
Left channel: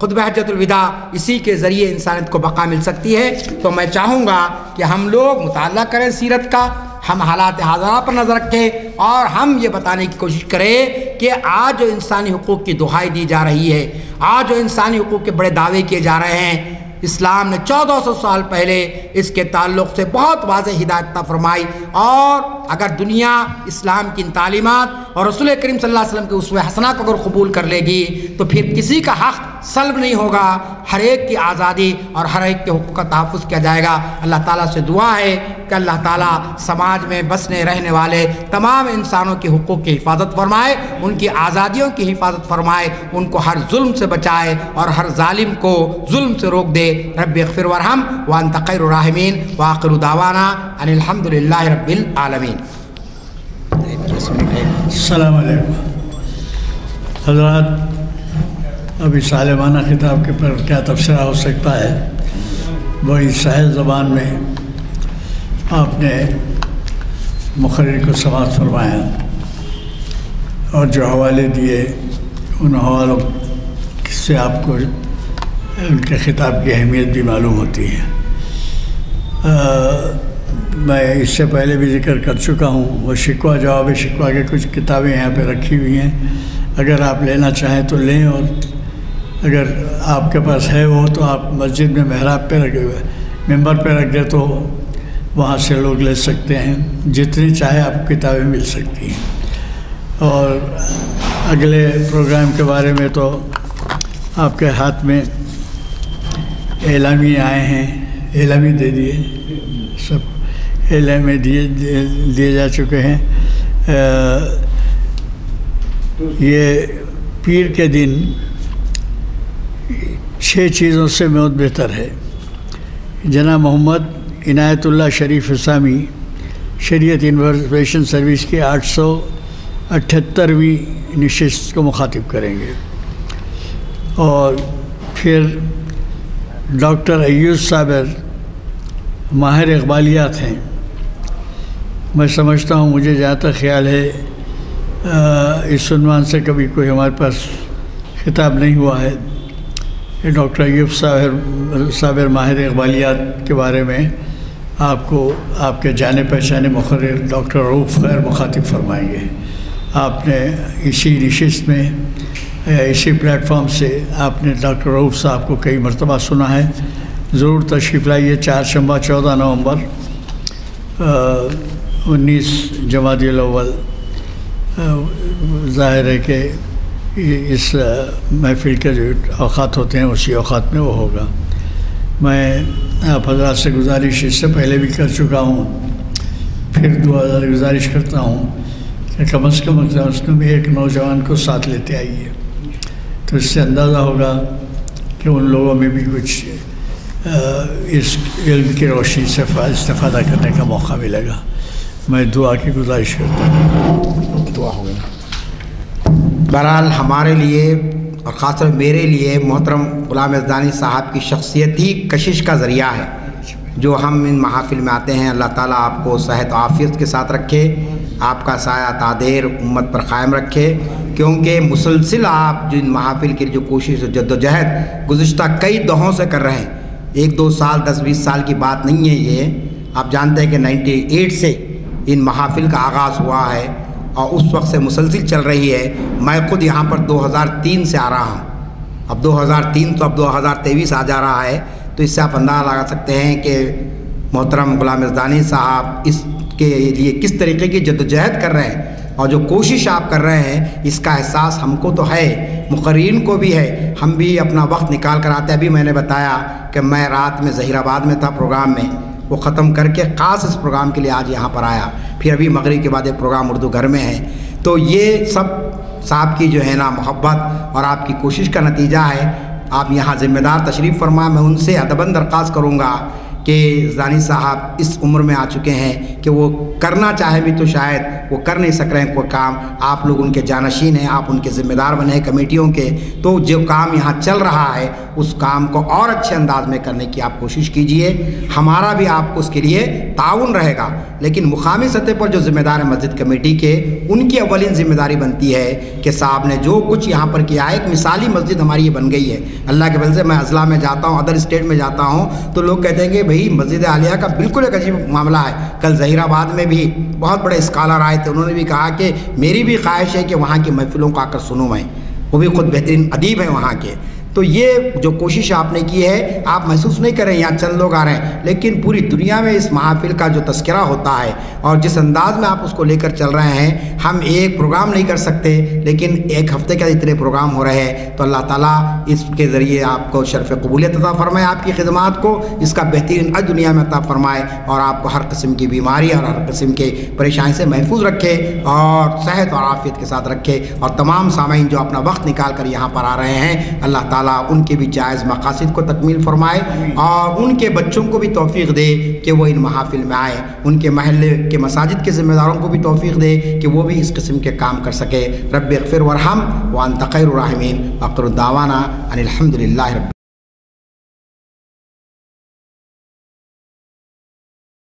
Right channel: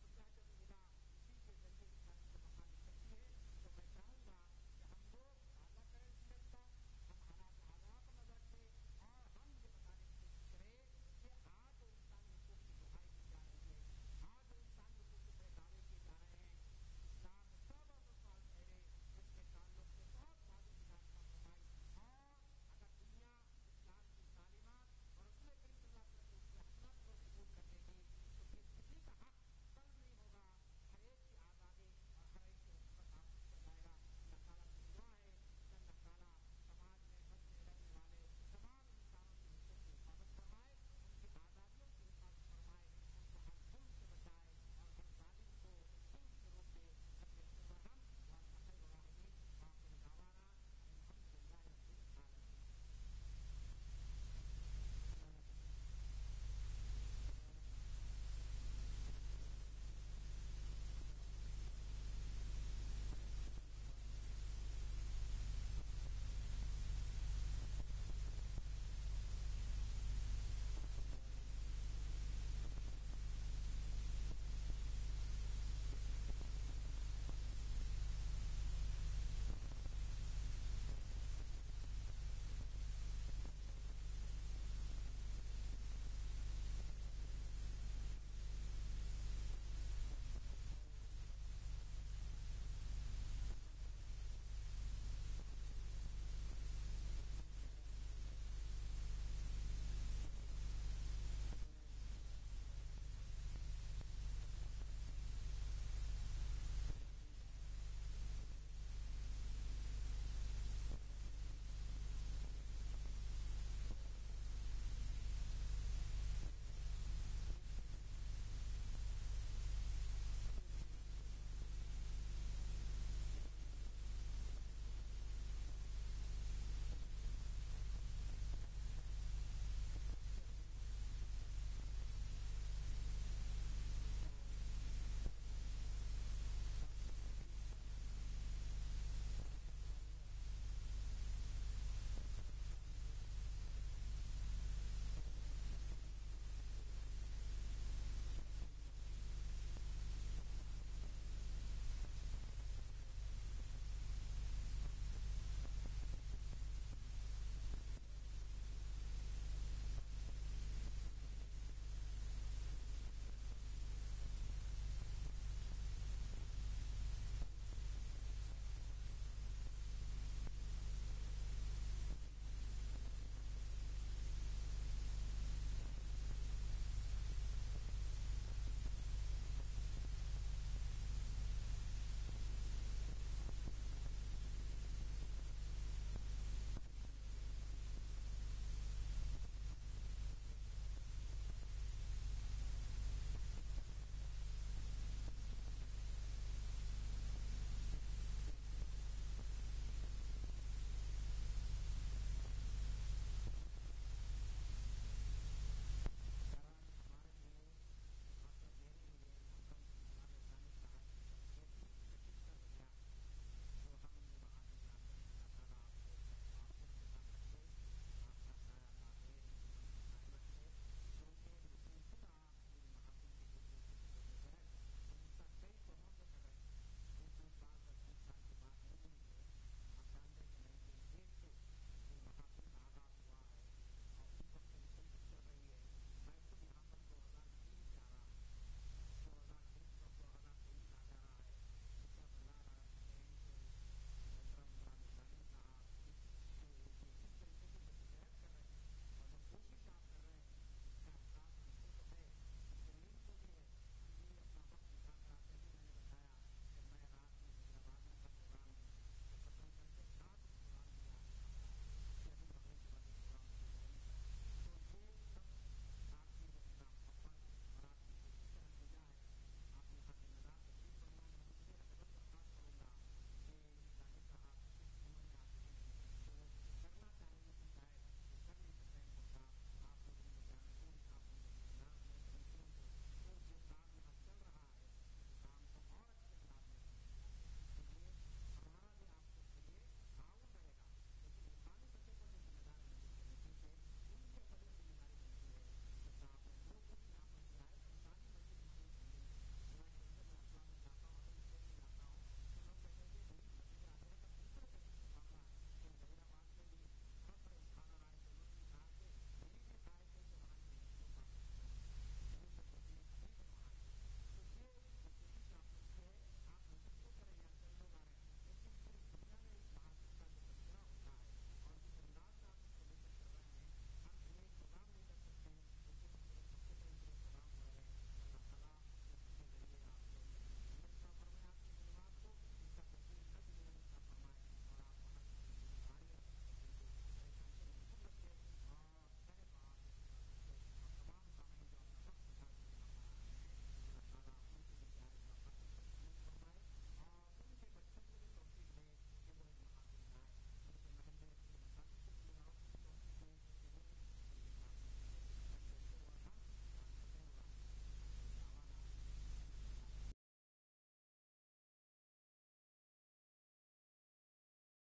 خطبہ حجۃ الوداع، اسی کے ذریعے انسانیت کو بقا مل سکتی ہے۔ تو میں چاہوں گا کہ ہم لوگ مطالعہ کریں سیرت کا، ہم حالات حاضرہ پر نظر رکھیں، اور ہم یہ بتانے کی کوشش کریں کہ آج جو انسانی حقوق کی دہائی دی جا رہی ہے، آج جو انسانی حقوق کے بڑے دعوے کیے جا رہے ہیں، اسلام نے 1400 سال پہلے اس کے تعلق سے بہت واضح ہدایت فرمائی، اور اگر دنیا اسلام کی ان تعلیمات اور رسول کریم صلی اللہ علیہ وسلم کے اسوہ حسنہ کو اگر قبول کر لے گی تو پھر کسی کا حق سلب نہیں ہوگا، ہر ایک کی آزادی اور ہر ایک کے حقوق کا تحفظ کیا جائے گا۔ اللہ تعالیٰ سے دعا ہے کہ اللہ تعالیٰ سماج میں بسنے رہنے والے تمام انسانوں کے حقوق کی حفاظت فرمائے، ان کی آزادیوں کی حفاظت فرمائے، ان کو ہر ظلم سے بچائے اور ہر ظالم کو ظلم سے روک دے۔ رب اغفر وارحم وانت خیر الراحمین وآخر دعوانا ان الحمد للہ رب العالمین۔ السلام علیکم حضرات، ابھی سالمانہ خطاب کے پر کیا تبصرہ ہو سکتا ہے؟ بڑی سہل زبان میں آپ نے مقرر کو سماعت فرمایا اور جو حوالے دیے ان حوالوں سے آپ کو ان کے خطاب کی اہمیت بھی معلوم ہوتی ہے۔ میں اس سے پہلے بھی ذکر کر چکا ہوں، وہ شکوہ جواب شکوہ کے کچھ کتابیں یہاں پہ رکھی ہوئی ہیں، اگر آپ لینا چاہیں تو لیں، اور اگر آپ کے پاس ہے وہ تو آپ مسجد میں محراب پہ رکھے ہوئے ممبر پہ رکھ دے تو وہاں سے لوگ لے سکتے ہیں، جتنی چاہے آپ کو کتابیں مل سکتی ہیں۔ اور اگلے پروگرام کے بارے میں تو آپ کے ہاتھ میں اعلامیے آئے ہیں، اعلامی دے دیے، سب اعلامیے دیے جا چکے ہیں۔ یہ پیر کے دن 6 چیزوں سے بہت بہتر ہے۔ جناب محمد عنایت اللہ شریف اسامی شریعت انفارمیشن سروس کی 878ویں نشست کو مخاطب کریں گے، اور پھر ڈاکٹر ایوب صابر ماہر اقبالیات ہیں۔ میں سمجھتا ہوں، مجھے جہاں تک خیال ہے اس عنوان سے کبھی کوئی ہمارے پاس خطاب نہیں ہوا ہے۔ ڈاکٹر ایوب صابر ماہر اقبالیات کے بارے میں آپ کو آپ کے جانے پہچانے مقرر ڈاکٹر رؤوف خیر مخاطب فرمائیں گے۔ آپ نے اسی نشست میں اسی پلیٹ فارم سے آپ نے ڈاکٹر رؤوف صاحب کو کئی مرتبہ سنا ہے، ضرور تشریف لائیے۔ 4 شنبہ 14 نومبر 19 جمادی الاول، ظاہر ہے کہ اس محفل کے جو اوقات ہوتے ہیں اسی اوقات میں وہ ہوگا۔ میں آپ حضرات سے گزارش اس سے پہلے بھی کر چکا ہوں، پھر گزارش کرتا ہوں کہ کم از کم ایک نوجوان کو ساتھ لیتے آئیے، تو اس سے اندازہ ہوگا کہ ان لوگوں میں بھی کچھ اس علم کی روشنی سے استفادہ کرنے کا موقع ملے گا۔ میں دعا کی گزارش کرتا ہوں۔ دعا ہوگی۔ بہرحال ہمارے لیے اور خاص طور میرے لیے محترم غلام یزدانی صاحب کی شخصیت ہی کشش کا ذریعہ ہے جو ہم ان محافل میں آتے ہیں۔ اللہ تعالیٰ آپ کو صحت و عافیت کے ساتھ رکھے، آپ کا سایہ تادیر امت پر قائم رکھے، کیونکہ مسلسل آپ جو ان محافل کی جو کوشش و جد و جہد گزشتہ کئی دہوں سے کر رہے ہیں، 1-2 سال 10-20 سال کی بات نہیں ہے یہ۔ آپ جانتے ہیں کہ 98 سے ان محافل کا آغاز ہوا ہے اور اس وقت سے مسلسل چل رہی ہے۔ میں خود یہاں پر 2003 سے آ رہا ہوں، اب 2003 تو اب 2023 آ جا رہا ہے، تو اس سے آپ اندازہ لگا سکتے ہیں کہ محترم غلام یزدانی صاحب اس کے لیے کس طریقے کی جدوجہد کر رہے ہیں، اور جو کوشش آپ کر رہے ہیں اس کا احساس ہم کو تو ہے، مقررین کو بھی ہے۔ ہم بھی اپنا وقت نکال کر آتے ہیں۔ ابھی میں نے بتایا کہ میں رات میں ظہیر آباد میں تھا پروگرام میں، وہ ختم کر کے خاص اس پروگرام کے لیے آج یہاں پر آیا، پھر ابھی مغرب کے بعد ایک پروگرام اردو گھر میں ہے۔ تو یہ سب صاحب کی جو ہے نا محبت اور آپ کی کوشش کا نتیجہ ہے۔ آپ یہاں ذمہ دار تشریف فرما، میں ان سے ادباً درخواست کروں گا کہ یزدانی صاحب اس عمر میں آ چکے ہیں کہ وہ کرنا چاہے بھی تو شاید وہ کر نہیں سک رہے ہیں کوئی کام، آپ لوگ ان کے جانشین ہیں، آپ ان کے ذمہ دار بنے ہیں کمیٹیوں کے، تو جو کام یہاں چل رہا ہے اس کام کو اور اچھے انداز میں کرنے کی آپ کوشش کیجئے۔ ہمارا بھی آپ کو اس کے لیے تعاون رہے گا، لیکن مقامی سطح پر جو ذمہ دار ہیں مسجد کمیٹی کے، ان کی اولین ذمہ داری بنتی ہے کہ صاحب نے جو کچھ یہاں پر کیا ہے، ایک مثالی مسجد ہماری یہ بن گئی ہے۔ اللہ کے فضل سے میں اضلاع میں جاتا ہوں، ادر اسٹیٹ میں جاتا ہوں، تو لوگ کہتے ہیں کہ بھئی مسجد عالیہ کا بالکل ایک عجیب معاملہ ہے۔ کل ظہیر آباد میں بھی بہت بڑے اسکالر آئے تھے، انہوں نے بھی کہا کہ میری بھی خواہش ہے کہ وہاں کی محفلوں کو آ کر سنوں میں، وہ بھی خود بہترین ادیب ہیں وہاں کے۔ تو یہ جو کوشش آپ نے کی ہے، آپ محسوس نہیں کریں یہاں چند لوگ آ رہے ہیں، لیکن پوری دنیا میں اس محافل کا جو تذکرہ ہوتا ہے اور جس انداز میں آپ اس کو لے کر چل رہے ہیں، ہم ایک پروگرام نہیں کر سکتے، لیکن ایک ہفتے کے اتنے پروگرام ہو رہے ہیں، تو اللہ تعالیٰ اس کے ذریعے آپ کو شرف قبولیت عطا فرمائے، آپ کی خدمات کو اس کا بہترین اجر دنیا میں عطا فرمائے، اور آپ کو ہر قسم کی بیماری اور ہر قسم کے پریشانی سے محفوظ رکھے اور صحت اور عافیت کے ساتھ رکھے، اور تمام سامعین جو اپنا وقت نکال کر یہاں پر آ رہے ہیں، اللہ تعالیٰ ان کے بھی جائز مقاصد کو تکمیل فرمائے، اور ان کے بچوں کو بھی توفیق دے کہ وہ ان محافل میں آئے، ان کے محلے کے مساجد کے ذمہ داروں کو بھی توفیق دے کہ وہ بھی اس قسم کے کام کر سکے۔ رب اغفر وارحم وانت خیر الراحمین، وآخر دعوانا ان الحمد للہ رب